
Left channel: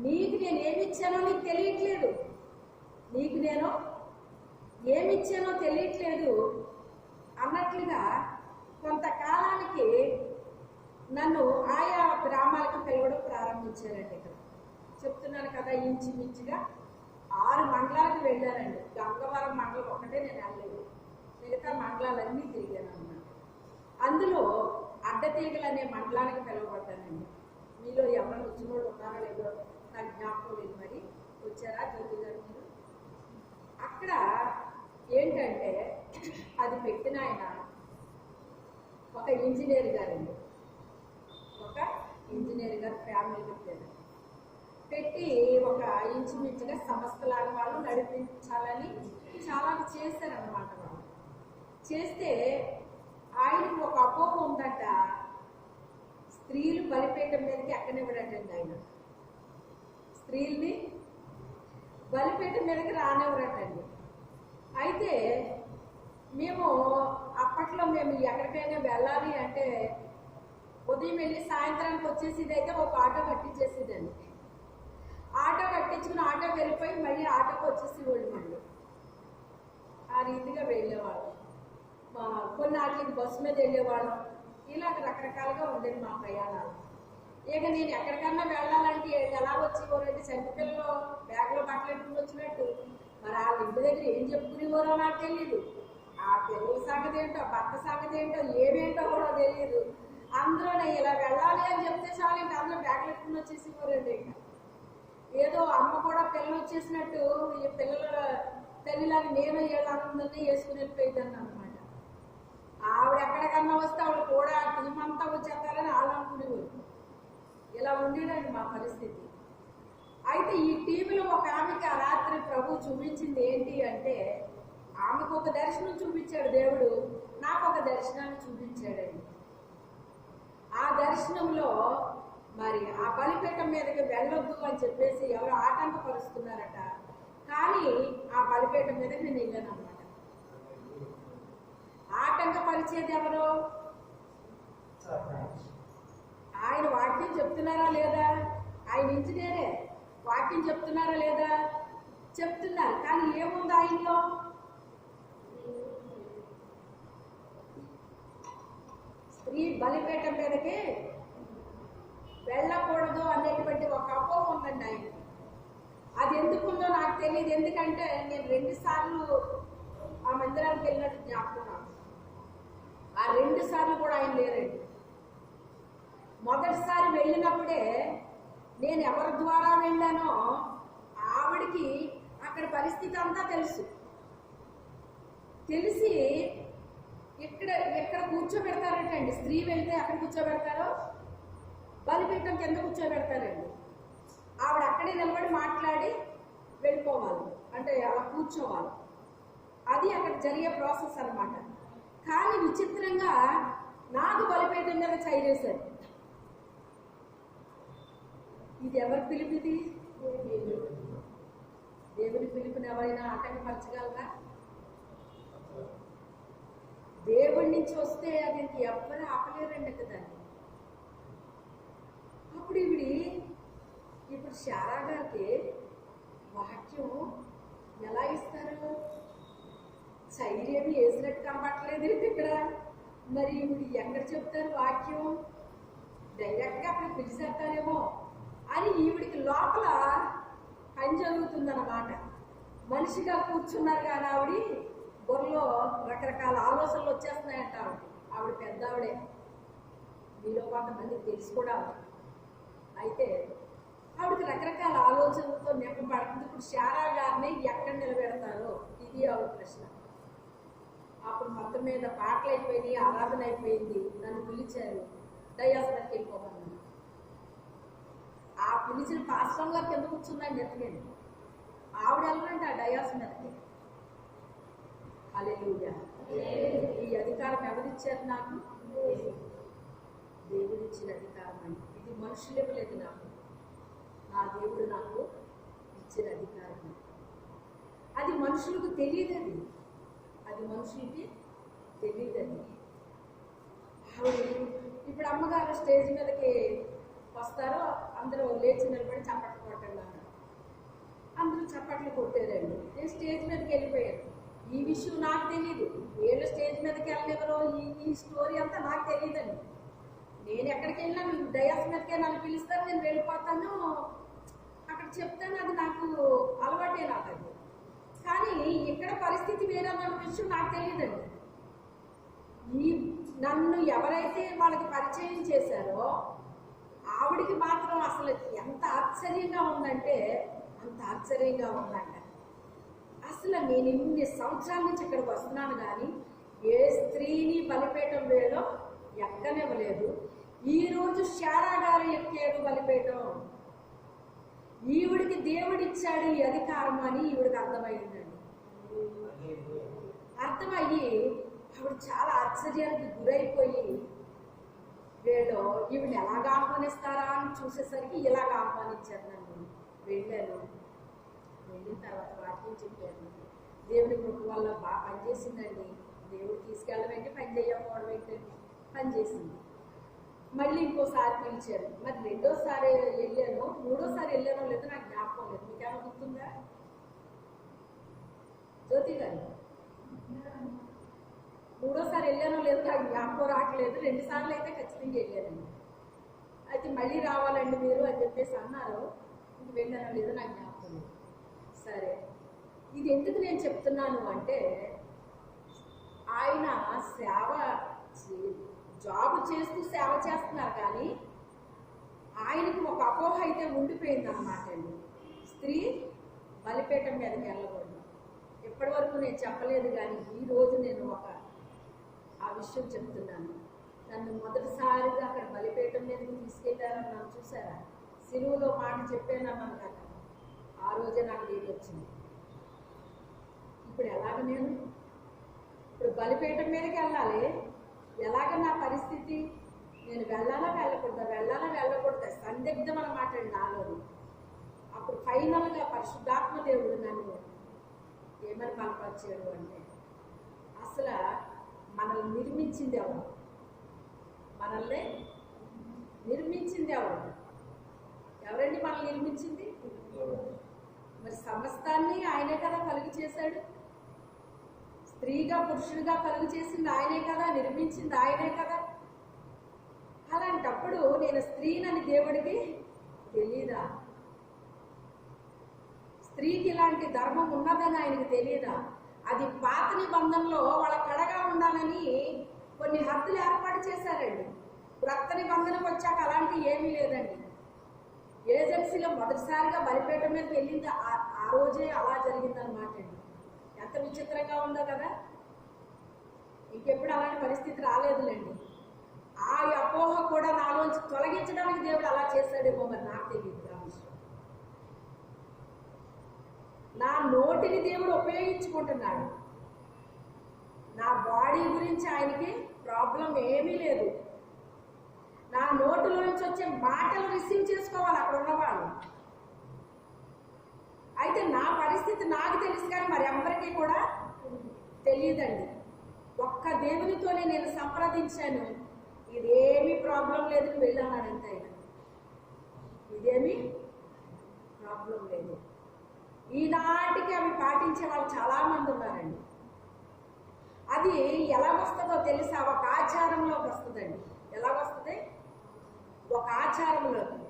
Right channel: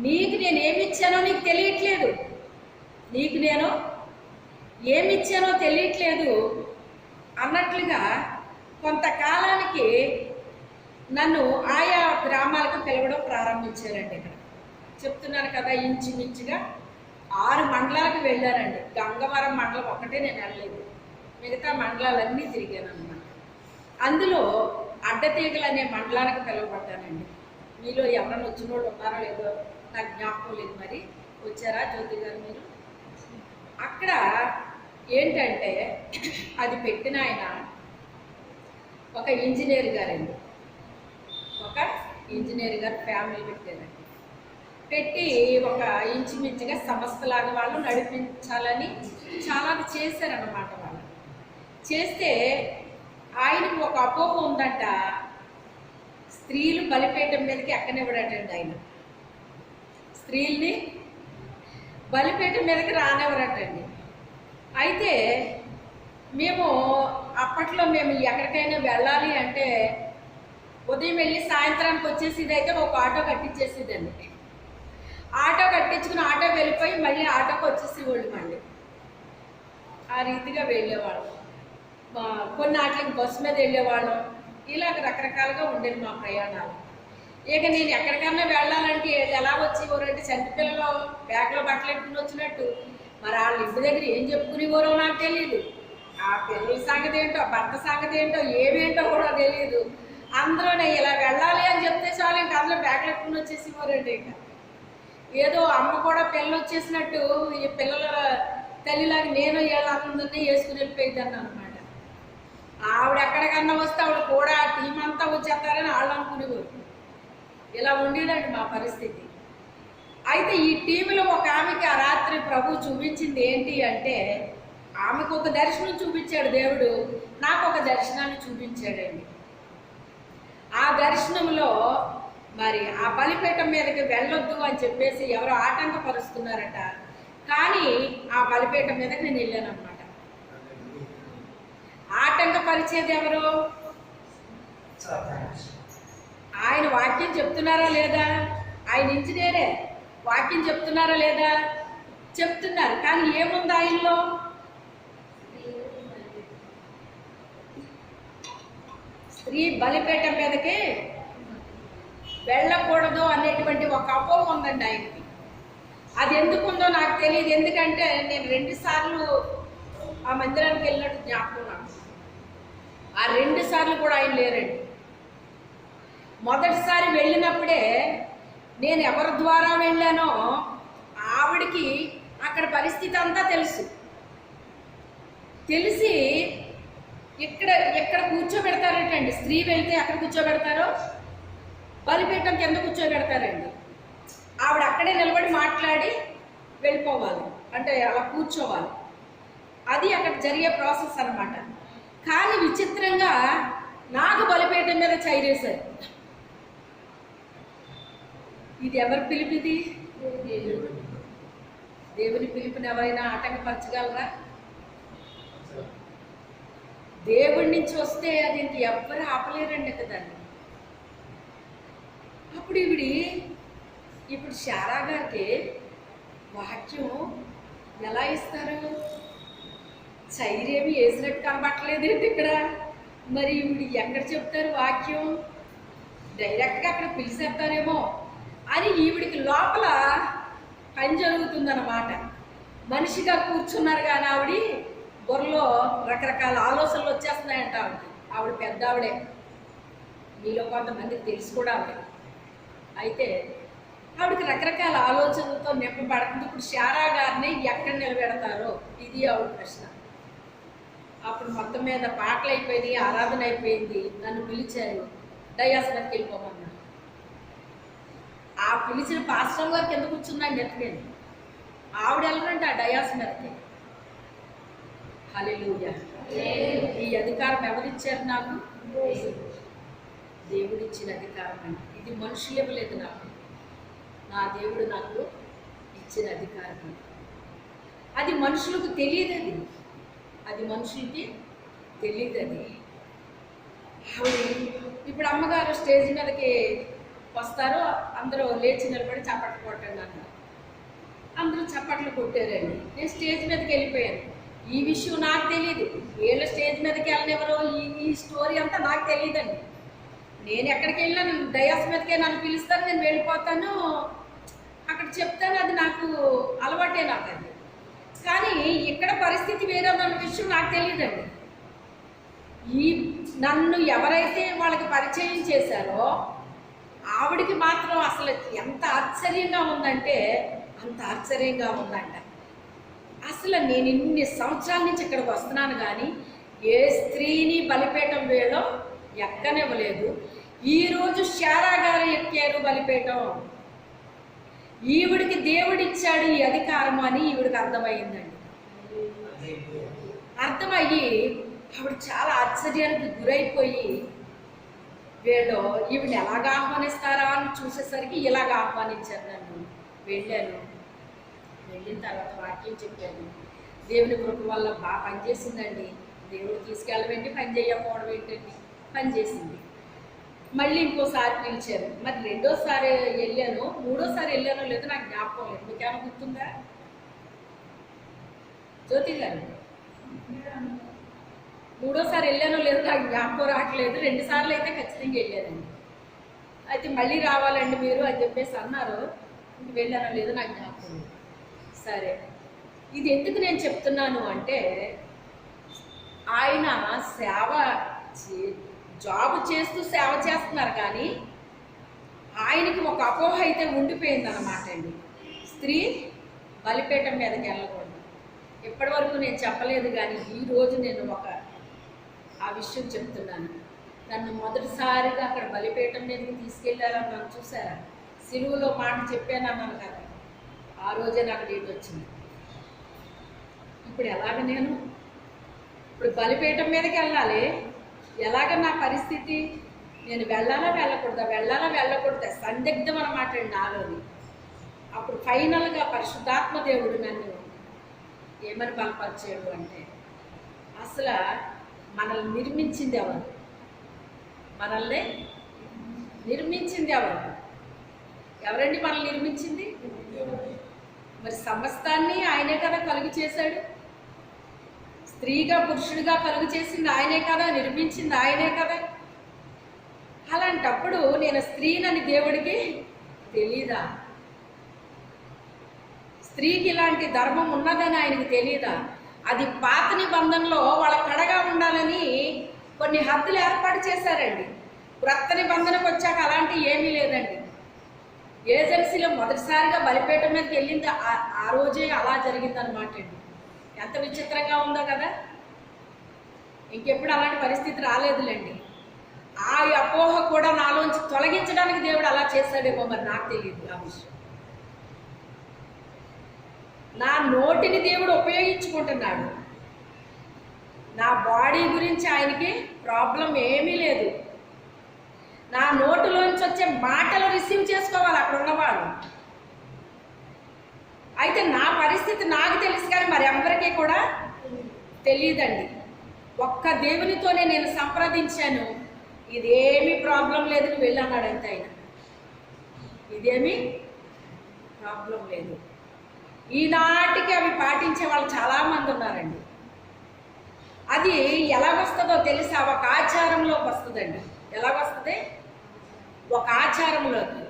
నీకు నేను ఏమిచ్చానో నీకు తెలియట్లేదు, నీకు నేను ఏమిచ్చానో తెలియట్లేదు అన్నట్లుగా కొంతకాలానికి నన్ను ఆయా గ్రామాలకు పిలవడం ప్రారంభించారండి. ఇక్కడ చెప్తున్నాను కదా, ఇంచుమించుగా 6 మండలాలకు వెళ్ళానండి. గంగవరం మండలం ఒక్కటే నేను వెళ్ళలేదు, మిగతా మండలాలన్నీ తిరిగాను అన్నమాట. అందులో అడ్డతీగలు అనే మండలానికి పిలువబడ్డానండి. మీలో ఎవరైనా వచ్చిన వాళ్ళు ఉన్నారో లేదో నాకు జ్ఞాపకం లేదు, మరి వచ్చారా జ్యోతి గారు మీరు? అక్కడ ఏంటంటే అది పెట్టిన ఆయన ఒక ఇంజనీర్ గారండి, ఒక ఇంజనీర్ గారు ఫ్యామిలీ పెట్టారండి. పెట్టి ఒక ఇంచుమించుగా సంస్థలాగా వాళ్ళు నడిపించాలని చాలా చేశారన్నమాట. వాళ్ళు చేస్తే ఆయనకు ఒక అపోహ ఉందంట, స్త్రీలు బలిపీఠం మీదకి ఎక్కనివ్వడటండి. ఆయన స్త్రీల్ని బలిపీఠం మీదకి రానివ్వరటండి. అయితే మేము అప్పట్లో మేము ఎక్కడికైనా వెళ్ళాలి అంటే ఉదయం వెళ్ళి సాయంత్రానికి వచ్చేసేది, అయితే ఒక ఆటో కట్టించేసేదండి. ఆటో కట్టించుకుని ఆటో వెళ్ళిపోయి మళ్ళీ ఆటోకి వచ్చేసేవాళ్ళు. మళ్ళీ ఆ రీతిగా వెళ్ళేవాళ్ళం. కొన్ని ఆటలకి బస్సు మీద వెళ్ళేవాళ్ళం. ఇలాగ రకరకాలుగా ఉండేది మా ప్రయాణాలు. ఇక నేను ఎక్కడికన్నా వెళ్ళాలంటే ఎలా వచ్చేవారంటే చంటిపిల్లలో బ్యాగ్లో బట్టలు ఎట్టుకుని వచ్చినట్టు. మరి వాళ్ళ ఇంటి దగ్గర ఏం చెప్పుకునేవారో నాకు తెలియదు. ఆ పిల్లల సంగతి ఏంటో, భర్త సంగతి ఏంటో, ఏమేంటో కూడా తెలియదు. అందులోనే ఇలా వెళ్ళాలి అని చెప్తే చాలు ఇంకా అందులో బ్యాగ్లు ఎట్టుకుని వచ్చేసేవారండి. ఇంకా ఏదో అమ్మ కూడా పిల్లలు వచ్చేసినట్టు ఈ పిల్లల తల్లిలాగా నేను వీళ్ళందరినీ వేసుకుని వెళ్ళిపోయిద్దాన్ని అనమాట. ఆవిడ ఎక్కడికన్నా వస్తే ఆవిడ కూడా టీం అంతా వచ్చేస్తారని వాళ్ళు అనుకునేవారు. ఇలా ఉండేదండి మా పరిస్థితి. అయితే ఈ టీంలో ఒక ఆమెకి ఆ రాత్రి ప్రభు చూపించింది ఏంటి అంటే, ఆమెకు ఒక దర్శనం చూపించాడు దేవుడు, నాకు ఒక దర్శనాన్ని చూపించాడండి. ఆ దర్శనంలో మరి ఆ బలిపీఠం మీదకి వెళ్ళొద్దు అని చెప్పేసి ఎవరో ఆటంకపరుస్తున్నారట. కానీ ఆ బలిపీఠం మీదకి నేను వెళ్ళాను అనమాట. ఆటంకపరిచేది ఎవరు? ఆయన వాక్యం చెప్తున్నారా లేదా? ఆయన ఇంజనీరే, వాక్యం చెప్తున్నారా లేదా? చెప్తున్నారు. కానీ ఏముంది ఆయనలో? స్త్రీ బలిపీఠం మీదకి వెళ్ళకూడదు అనేటువంటి ఒక అపోహ ఉందండి ఆయనకి. అది ఎందుకుందో నాకు తెలియదు. ఎందుకంటే నేను 2 సార్లు ఆ మందిరానికి వెళ్ళినట్టు జ్ఞాపకం నాకు. ఆ 2 సార్లు కూడా ఆయన లేరండి. మొదటిసారి వెళ్ళినప్పుడే నేను ఎవరి ద్వారా వెళ్ళానో ఆవిడికి అక్కడ పరిస్థితి అంతా తెలిసి ఇక్కడ కూర్చోబెడతారటండి. స్త్రీ వెళ్తే అక్కడ కూర్చోబెడతారో బలిపీఠం కింద కూర్చోబెడతారండి. ఆవిడ అక్కడే నిలబడి మాట్లాడి వెళ్ళిపోవాలి, అంటే అలా కూర్చోవాలి. అది అక్కడ జరిగే ప్రాసెస్ అన్నమాట. కానీ విచిత్రంగా నాకు బలిపీఠం మీద చైరేశారు. ఇది ఎవరి పిలిపిది? దేవుని పిలుపుని ఎవరైనా ఆటంకపరచగలరా? దేవుడి నుంచి వస్తే అది ఇంక ఎవ్వరు ఆపలేరండి కదండి. అప్పుడు ఇప్పుడు శారా గారికి వాక్యం ఎలా ఇస్తారు? చైరేమి వేసినట్టు కనబట్టలేదు ఇక్కడ. మరి ఇప్పుడు ఎక్కడ చెప్తారు వాక్యం? డైరెక్ట్గా అక్కడ పిలిచేస్తారేమో అని ఈవిడికి లోపల పని జరుగుతుందన్నమాట. మనిషిగా కూర్చున్నారు కానీ ఆవిడ బుర్రలో రకరకాల ఆలోచనలు వచ్చేస్తున్నాయంట. ఆవిడ పెద్ద ఆవిడే, మీలో కొంతమందికి తెలుసు కూడా ఆవిడ. అయితే ఆవిడకి రకరకాల ఆలోచనలతో నింపబడుతుంది. ఇప్పుడు శారా గారిని ఎక్కడ నిలబెడతారో ఇది ఆవిడ ప్రశ్న. అప్పుడు మొత్తం మీద పాటలు అయిపోయినాయి, ఆరాధన అయిపోయింది. నన్ను పిలిచారు, డయాసనకి వెళ్ళిపోమన్నారు. ఆ పిలిచిన పాస్టర్ గారికి ఎందుకు కూర్చున్నాను నెత్తలేదు. ఆవిడ వెళ్ళరంటే ఆ డయాసనకి. హల్లెలూయా. ఈ అధికారం ఎవరిచ్చారు నాకు? దేవుడిచ్చిన అధికారం అండి. ఇది మనుషులు ఇవ్వలేదు నాకు, నా దేవుడు నాకు ఇచ్చిన అధికారం. అది మనుషులకు తెలియదు. అది మనుషులకి తెలియదు. ఆవిడ ఇప్పుడు అమ్మగారు స్టేజ్ మీదకి వస్తారు, అందరూ లేచి నిలబడి చప్పట్లు కొట్టండి అన్నారు. అందరూ చప్పట్లు కొట్టారండి. నేను స్టేజ్ మీదకి వెళ్ళిపోయాను. ఈ విషయం నాకు తెలియదు. వీళ్ళ స్టేజ్ మీదకి వెళ్ళనివ్వరు, ఈ స్టోరీ అంతా నాకు తెలియదండి. నేను ఎక్కడికి వెళ్ళినా డయాస్ మీదకే నన్ను పిలుస్తాను, నేను వెళ్ళిపోతాను, అక్కడ చెప్తాను. అది నాకు అలవాటే నాకు అది. కానీ ఇక్కడ పరిస్థితి వేరేదన్న విషయం నాకు తెలియదండి. నన్ను ఎవరైతే వాళ్ళకి పరిచయం చేశారో ఆవిడికి మాత్రం అసలు ఎంత ఆశ్చర్యంగా ఉందంటే అంత ఆశ్చర్యంగా ఉందంట. అసలు నేను ఇన్ని సంవత్సరాల నుంచి ఇక్కడికి వస్తున్నాను కానీ ఏ స్త్రీని బలిపీఠం వేయడం ఎక్కనివ్వలేదు. ఈరోజు శారా గారు ఎక్కారు బలిపీఠం. ఈవిడికి దేవుడిచ్చాడు ఈ అధికారం అని ఈవిడికి అర్థమైందండి. అర్థమయ్యి ఆవిడ చాలా ఆశ్చర్యానికి గురైపోయి వీళ్ళు ఈవిడ ఎలాగ ఆహ్వానిస్తారా అని చూసేసరికి ఇలాగ ఆహ్వానించారు నన్ను. వెళ్ళాను. వెళ్ళిన తర్వాత వాక్యం చెప్పాను. దేవుని కృప వల్ల బాగా పనిచేసిందండి. దేవుడు తీసుకెళ్ళవేంటి, పని చేయకపోవడం ఏంటండి, పనిచేసింది. మళ్ళీ ఇంకోసారి పిలిచారు. మరి రెండోసారి వెళ్ళాను, మూడోసారి వెళ్ళానో లేదో నాకు జ్ఞాపకం లేదు. మీకేమైనా గుర్తుందా జ్యోతి గారు? మూడోసారి వెళ్ళానో లేదో నాకు జ్ఞాపకం రావట్లేదు. 2 సార్లు అయితే ఖచ్చితంగా వెళ్ళానండి. అయితే మళ్ళీ రావాలండి మీరు అని చెప్పేసి అన్నారు. వెళ్ళానో లేదో నాకు జ్ఞాపకం లేదు. సరే, ఇది ఎందుకు నేను చెప్తున్నాను అంటే ఆయన సేవ జాబ్ చేస్తూ సేవ చేస్తున్నారు కానీ ఆయనకి ఒక అపోహ అయితే ఉండిపోయింది అన్నమాట అండి. స్త్రీ బలిపీఠం మీదకి వెళ్ళకూడదు. ఇప్పటి వరకు నేను చెప్పలేదు కానీ ఈరోజు నేను ఆ విషయం చెప్తున్నాను. నన్ను మొదటిసారిగా అక్కడ బలిపీఠం మీదకి తీసుకెళ్ళారని నన్ను చూసారా? సిలువలో మాట చెప్పానన్నాను కదా, ఆ రోజే నాకు డేట్ వచ్చింది. ఇప్పుడు ఎలాగ ఇప్పుడు బలిపీఠం మీదకి వెళ్ళాలి. ఎలాగ నా పరిస్థితి? నేను వెళ్ళాలా వెళ్ళకూడదా సందిగ్ధం అన్నమాట అండి నాలోని. అప్పుడు ఫైనల్గా పరిశుద్ధాత్మ దేవుడు నన్ను ఏమని బలపరిచాడు అంటే, అసలు మనల్ని నిర్మించింది ఎవరు? మనల్ని నిర్మించింది ఎవరండి మనల్ని నిర్మించింది? మరి సమస్తాన్ని ఆయనే కదా కలుగు చేశాడు. స్త్రీగా పురుషుడిగా కలుగు చేసింది ఆయనే కదా, నిర్మించింది ఆయనే కదా. అలాంటప్పుడు నేను స్త్రీనని దేవుడికి తెలీదా? స్త్రీకి ఇలాంటి ధర్మం ఉన్నదని ఆయనకి తెలీదా? అది పాత నిబంధనలో వాళ్ళ కడగా ఉండాలని కొన్ని హద్దులు ఏర్పాటు చేశారండి. క్రొత్త నిబంధనకు వచ్చాక అలాంటి ఏమీ లేదండి. ఏజెన్సీలో మొదటిసారిగా బలిపీఠం మీదకి వెళ్ళింది ఆ రోజే అలా జరిగిందనమాట అండి. ఎంత విచిత్రంగా ఉందో కదా. ఇంకెప్పుడు అలాంటి పరిస్థితి రాలేదులేండి. ఆ అపోహ కూడా నాలోంచి తొలగించడానికి దేవుడు అలా చేశాడేమో మరి నాకు తెలియదు ఆ విషయం. నా నోటిని దేవుడు ఉపయోగించుకుంటున్నాడు. నా బాడీ గురించి ఆయనకి ప్రాబ్లం ఏమీ లేదు. నా నోటిలోంచి వచ్చే మాటలు రిసీవ్ చేసుకోవాలి అక్కడ ఉన్నవాళ్ళు. అయితే నా పరిస్థితి నాకు తెలుసు కానీ మరి ఎవరికి కూడా తెలియదండి. ఒక్క దేవునితోనే నేను సంప్రదించాను. ఇదేమీ ప్రాబ్లం లేదు, నువ్వు వెళ్ళన్నాడు అంతే. ఆయన ఇదేమీ ప్రాబ్లం లేదు. ఈనాటికి అవి పాటించే వాళ్ళు చాలామంది ఉన్నారండి. అది ఎలాగొస్తుందో తెలుసా? ఒక ఆచారంలోకి వస్తుందండి. ఎలాగొస్తుంది? ఒక ఆచారంలోకి.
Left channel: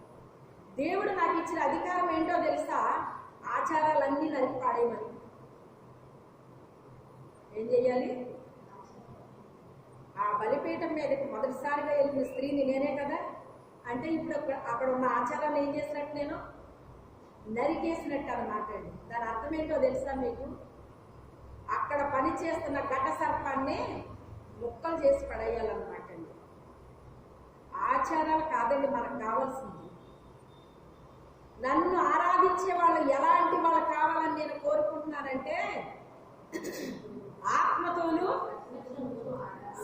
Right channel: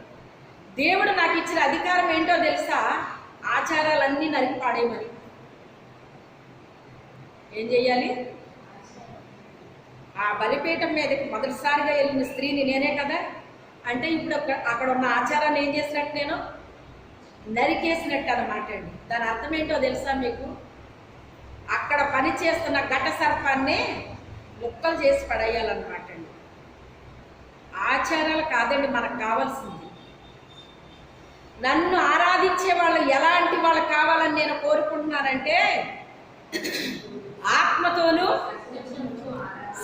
దేవుడు నాకు ఇచ్చిన అధికారం ఏంటో తెలుసా? ఆచారాలన్నీ నరికి పాడేయమని. ఏం చెయ్యాలి? ఆ బలిపీఠం మీదకి మొదటిసారిగా వెళ్ళిన స్త్రీని నేనే కదా. అంటే ఇప్పుడు అక్కడ ఉన్న ఆచారాన్ని ఏం చేసినట్టు? నేను నరికేసినట్టు అన్నమాట అండి. దాని అర్థం ఏంటో తెలుసా మీకు? అక్కడ పని చేస్తున్న ఘట సర్పాన్ని ముక్కలు చేసి పడేయాలన్నమాట అండి. ఆచారాలు కాదండి మనకు కావాల్సింది. నన్ను ఆరాధించే వాళ్ళు ఎలాంటి వాళ్ళు కావాలని నేను కోరుకుంటున్నానంటే, ఆత్మతోనూ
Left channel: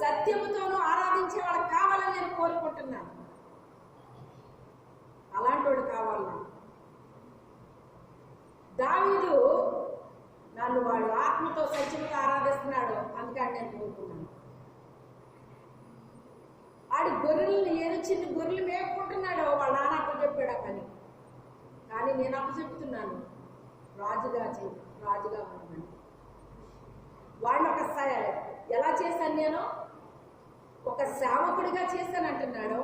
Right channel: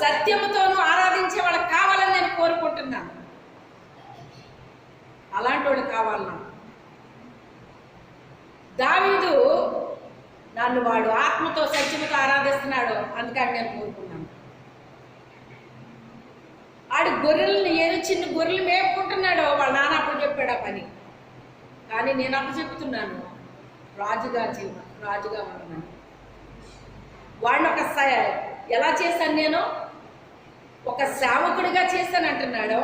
సత్యముతోనూ ఆరాధించే వాళ్ళకి కావాలని నేను కోరుకుంటున్నాను. అలాంటి వాళ్ళు కావాలి నాకు. దావీదు నన్ను వాడు ఆత్మతో సత్యముతో ఆరాధిస్తున్నాడు, అందుకని నేను కోరుకున్నాను. ఆడు గొర్రెల్ని చిన్న గొర్రెలు మేపుకుంటున్నాడు. వాళ్ళ నాన్న అప్పుడు చెప్పాడు ఆ పని. కానీ నేను అప్పుడు చెప్తున్నాను, రాజుగా ఉంటున్నాను. వాడిని ఎలా చేశాను? నేను ఒక సేవకుడిగా చేశానంటున్నాడు.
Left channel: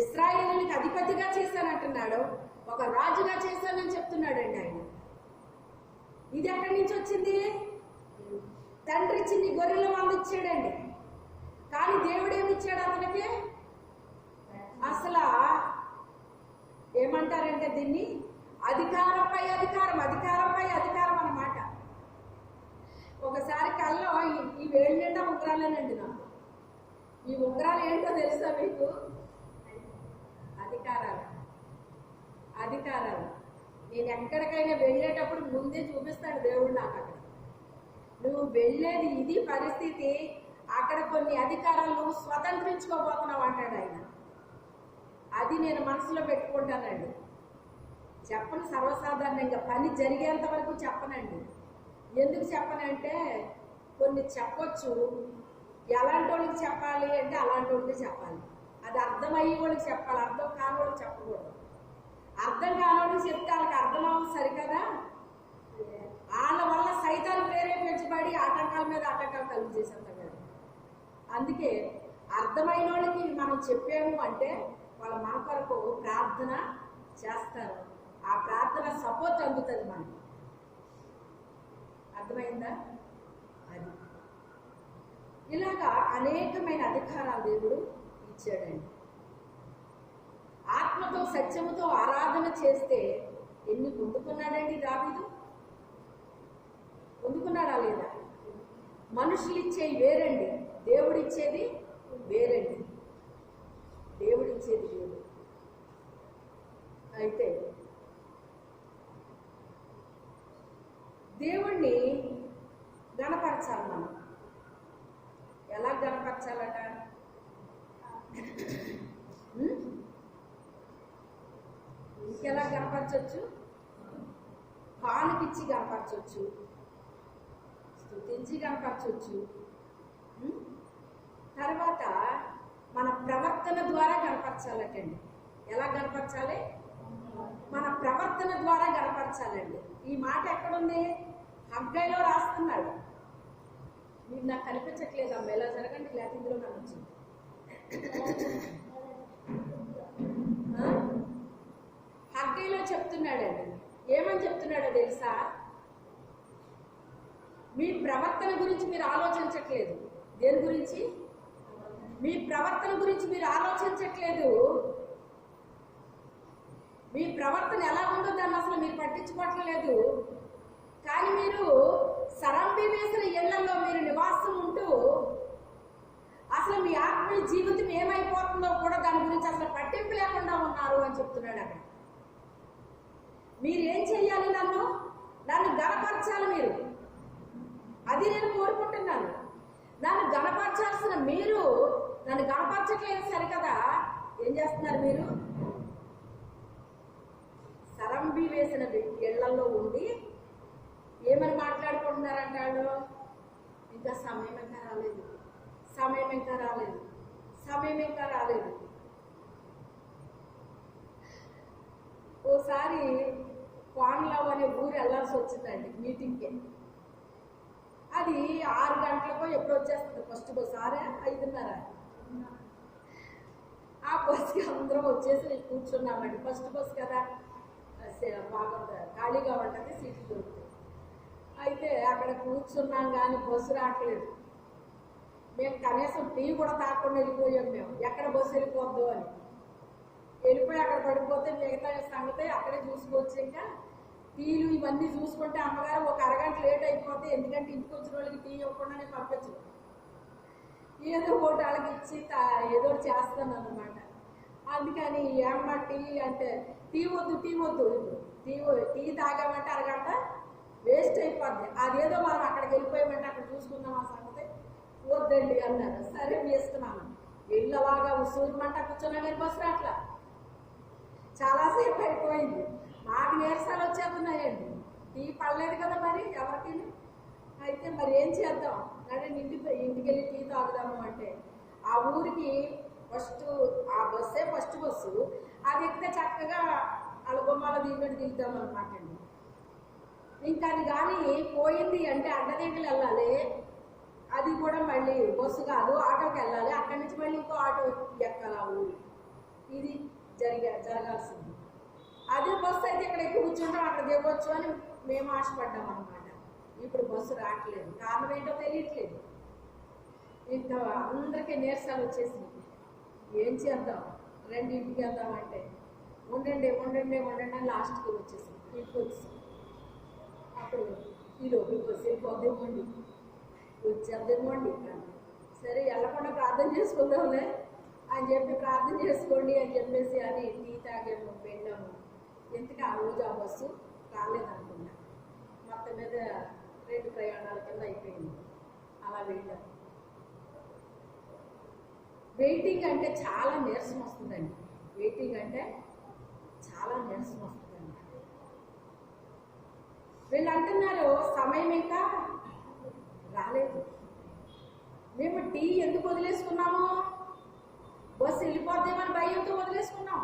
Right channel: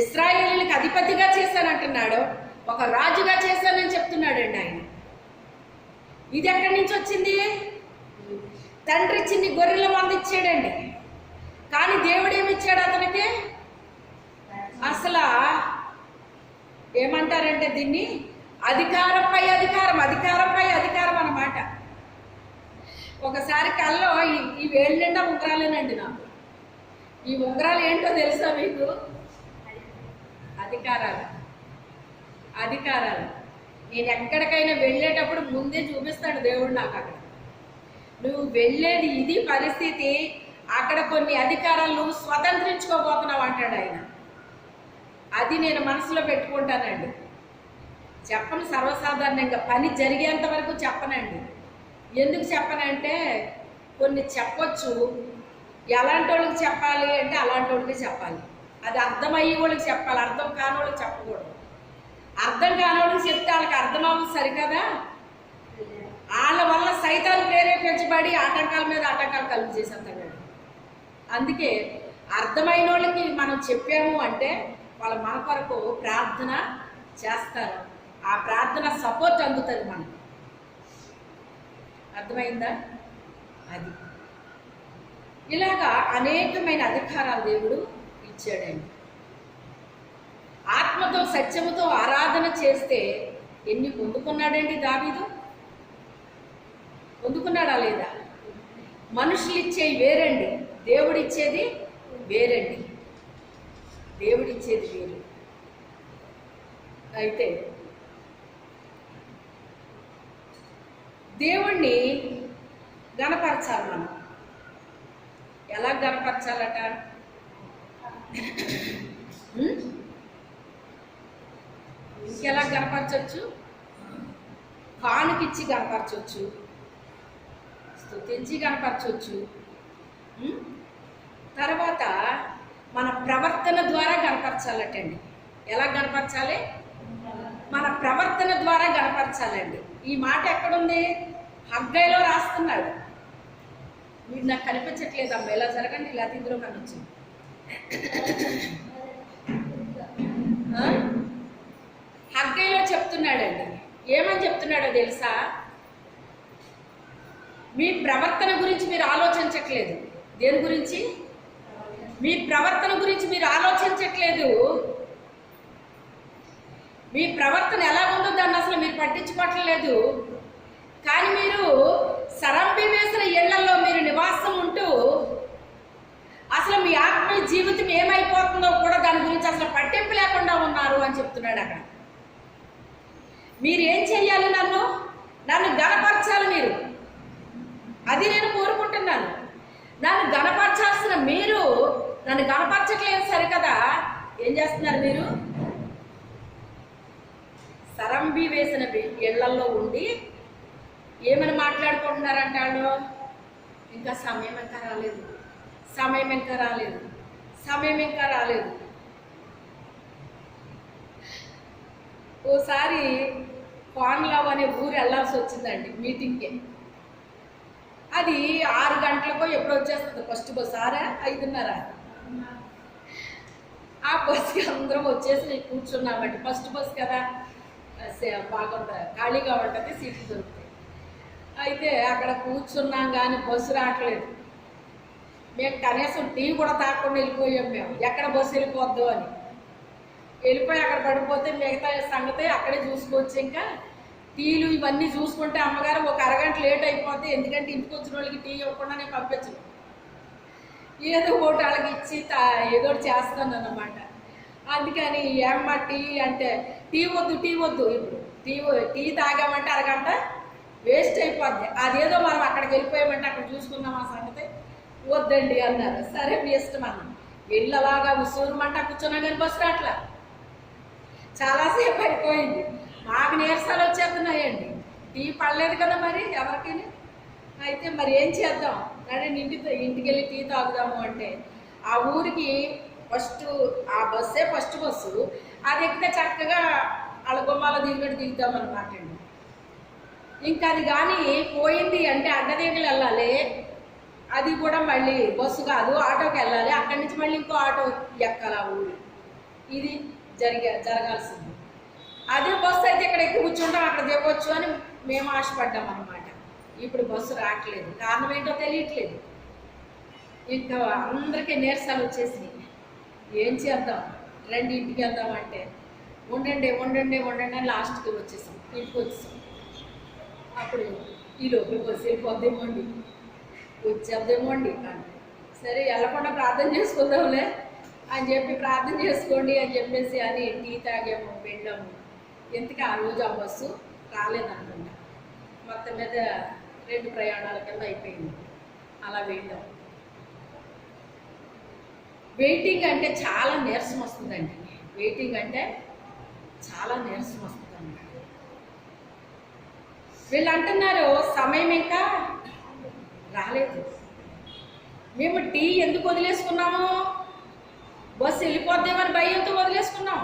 ఇశ్రాయేలీయులకు అధిపతిగా చేశానంటున్నాడు. ఒక రాజుగా చేశానని చెప్తున్నాడండి ఆయన. ఇది ఎక్కడి నుంచి వచ్చింది? తండ్రి చిన్ని గొర్రెల మంది ఇచ్చాడండి. కానీ దేవుడు ఏమి ఇచ్చాడు అతనికి? అసలు ఏమంటారంటే దీన్ని అధికారంపై అధికారం, అధికారంపై అధికారం అన్నమాట. ఒకసారి కల్లో ఈ వేళ్ళ నిండా ఉంగరాలేనండి నాకు. ఈ ఉంగరాలు ఏంటో తెలుసా మీకు? అధికారాలు. అధికారాలు. నేను ఎక్కడికైనా వెళ్ళేటప్పుడు ముందే చూపిస్తాడు దేవుడు నాకు. అక్కడ నువ్వు వెళ్ళేది ఇది పరిస్థితి, అక్కడ కొన్ని అధికారాలు నువ్వు స్వతంత్రించుకోబోతున్నావు అంటాడు ఆయన. అది నేను మనసులో పెట్టుకుంటానండి. చెప్పను సర్వసాధారణంగా, పని జరిగేంత వరకు చెప్పనండి. ఎందుకు చెప్పనంటే కొన్ని చెప్పొచ్చు, ఎలాంటి వాళ్ళకి చెప్పాలి అంటే అలాంటి వాళ్ళకి చెప్పాలి. అది అర్థమయ్యే వాళ్ళకి చెప్పాలి, అర్థం కాని వాళ్ళకి చెప్పకూడదు. అర్థం కాని వాళ్ళకి చెప్తే వాళ్ళకి అర్థం అవ్వదు సరికదా. వాళ్ళ వల్ల సైతాన్ని ప్రేరేపించబడి ఆటంకాల మీద ఆటంకాలు కలుగు చేసేస్తాడు. అందుకే అర్థమైన వాళ్ళకి మనం చెప్పాము అంటే వాళ్ళ మన కొరకు ప్రార్థన చేస్తారు. ఆ ప్రార్థన సపోర్ట్ అందుతుంది మనకి. అర్థమైందా? అది ఇలాగా అనేకమైన అధికారాలు దేవుడు ఇచ్చాడండి. ఆత్మతో సత్యముతో ఆరాధన చేస్తే ఎన్ని పొందుకున్నాడండి దావీదు? పొందుకున్నాడా లేదా? మనుషులు ఇచ్చేవి వేరండి, దేవుడిచ్చేది వేరండి. దేవుడిచ్చేది వేరు. అయితే దేవుణ్ణి గణపరచాలి మనం. ఎలా గణపరచాలట? ఇంకెలా గణపరచవచ్చు? కానుకిచ్చి గణపరచవచ్చు, స్తుతించి గణపరచవచ్చు. తర్వాత మన ప్రవర్తన ద్వారా గణపరచాలటండి. ఎలా గణపరచాలి? మన ప్రవర్తన ద్వారా గణపరచాలండి. ఈ మాట ఎక్కడుంది? హగ్గైలో రాస్తున్నాడు. మీరు నాకు కనిపించట్లేదు అమ్మ, ఇలా జరగండి, ఇలా ఇందులో కనిపించింది. హగ్గైలో చెప్తున్నాడండి. ఏమని చెప్తున్నాడో తెలుసా? మీ ప్రవర్తన గురించి మీరు ఆలోచించట్లేదు. దేని గురించి? మీ ప్రవర్తన గురించి మీరు ఆలోచించట్లేదు. మీ ప్రవర్తన ఎలా ఉందో దాన్ని అసలు మీరు పట్టించుకోవట్లేదు. కానీ మీరు సరంబి వేసిన ఇళ్లలో మీరు నివాసం ఉంటూ అసలు మీ ఆత్మీయ జీవితం ఏమైపోతుందో కూడా దాని గురించి అసలు పట్టింపు లేకుండా ఉన్నారు అని చెప్తున్నాడు అక్కడ. మీరు ఏం చెయ్యాలి? నన్ను గణపరచాలి మీరు. అది నేను కోరుకుంటున్నాను. నన్ను గణపరచాల్సిన మీరు నన్ను గణపరచట్లేదు సరికదా. ఏం చేస్తున్నారు మీరు? సరంబి వేసిన ఇళ్లలో ఉండి ఏమని మాట్లాడుకుంటున్నారంటాడు? ఇంకా సమయం ఇంకా రాలేదు, సమయం ఇంకా రాలేదు, సమయం ఇంకా రాలేదు. ఓసారి పాన్లావ్ అనే ఊరు వెళ్ళాల్సి వచ్చిందండి మీటింగ్కి. అది 6 గంటలకో ఎప్పుడు వచ్చేస్తుంది ఫస్ట్ బస్సు. 5:30. ఆ బస్సుకి అందరం వచ్చేసి కూర్చున్నామండి. ఫస్ట్ బస్సు కదా, బాగుంటుంది, ఖాళీగా ఉంటుంది, సీట్లు దొరుకుతాయి. అయితే అక్కడ కూర్చున్నాం కానీ బస్సు రావట్లేదు. మేము కనీసం టీ కూడా తాగకుండా వెళ్ళిపోయాం. మేము ఎక్కడ బస్సు వెళ్ళిపోద్దు అని వెళ్ళిపోయి అక్కడ పడిపోతే మిగతా సంగతి అక్కడే చూసుకోవచ్చు. ఇంకా టీలు ఇవన్నీ చూసుకుంటే అమ్మగారు ఒక అరగంట లేట్ అయిపోతే, ఎందుకంటే ఇంటికి వచ్చిన వాళ్ళకి టీ ఇవ్వకుండా నేను పంపించను. ఏదో ఒకటి వాళ్ళకి ఇచ్చి ఏదో చేస్తాను అన్నమాట. అందుకని ఏమ్మ టీ అంటే టీ వద్దు ఇప్పుడు టీ తాగామంటే అరగంట వేస్ట్ అయిపోద్ది. అదేదో మనం అక్కడికి వెళ్ళిపోయామంటే అక్కడ చూసుకుందాం ఆ సంగతి, వద్దండి అన్నారు. సరే మీ ఇష్టం అన్న. వెళ్ళి అలాగా ఉసూరుమంట కూర్చున్నా కానీ బస్సు రాట్లా. చాలాసేపు అయిపోయింది. మాకు నీరసాలు వచ్చేస్తున్నాయండి. టీ పడలేదు కదా మరి ఎవరికి. అయితే మరి ఏం చేద్దాం? అంటే ఇంటికి వెళ్ళి టీ తాగుదాము అంటే ఆ ఊరికి ఆ ఫస్ట్ బస్సు. అది ఎక్కితే చక్కగా వాళ్ళ గుమ్మాలో దిగుదామన్నమాట అండి. ఇంకా అది కానీ పోయింది అంటే అడ్డదిగలు వెళ్ళాలి. అది కూడా మళ్ళీ బస్సు కాదు, ఆటోకి వెళ్ళాలి. అక్కడి నుంచి మళ్ళీ ఇంకో ఆటో ఎక్కాలి ఆ ఊరు. ఇది జరగాల్సింది. అదే బస్సు అయితే ఇక్కడ ఎక్కి కూర్చుంటాం, అక్కడ దిగవచ్చు అని మేము ఆశపడ్డాం అన్నమాట. ఇప్పుడు బస్సు రావట్లేదు. కారణం ఏంటో తెలియట్లేదు. ఇంకా అందరికీ నీరసాలు వచ్చేసినాయి. ఏం చేద్దాం? రండి ఇంటికి వెళ్దాం అంటే ఉండండి ఉండండి ఉండండి అని లాస్ట్కి వచ్చేసాం, ఇంటికి వచ్చేసాం. అప్పుడు ఈ లోపలికి వచ్చి వెళ్ళిపోద్దేమో అండి, వచ్చేద్దేమో అండి అని, సరే వెళ్ళకుండా ప్రార్థన చేసుకుందాంలే అని చెప్పి ప్రార్థన చేసుకోండి అని చెప్పేసి అని టీ తాగాము, వెళ్ళాము. ఎందుకు ఆ రోజు ఆ బస్సు రాలేదనుకున్నా. మొత్తం మీద 2 ప్రయాణాల కింద అయిపోయింది. అలా వెళ్ళాం. వెయిటింగ్ అంటే చాలా నీరసం వస్తుందండి. వెయిటింగ్ అంటే చాలా నీరసం వస్తుందండి. వీళ్ళు అంటున్నారు సమయం ఇంకా రాలేదు. మేము టీ ఎందుకు వదిలేసుకున్నాము? బస్సు వెళ్ళిపోద్దేమని భయంతో వదిలేసుకున్నాం.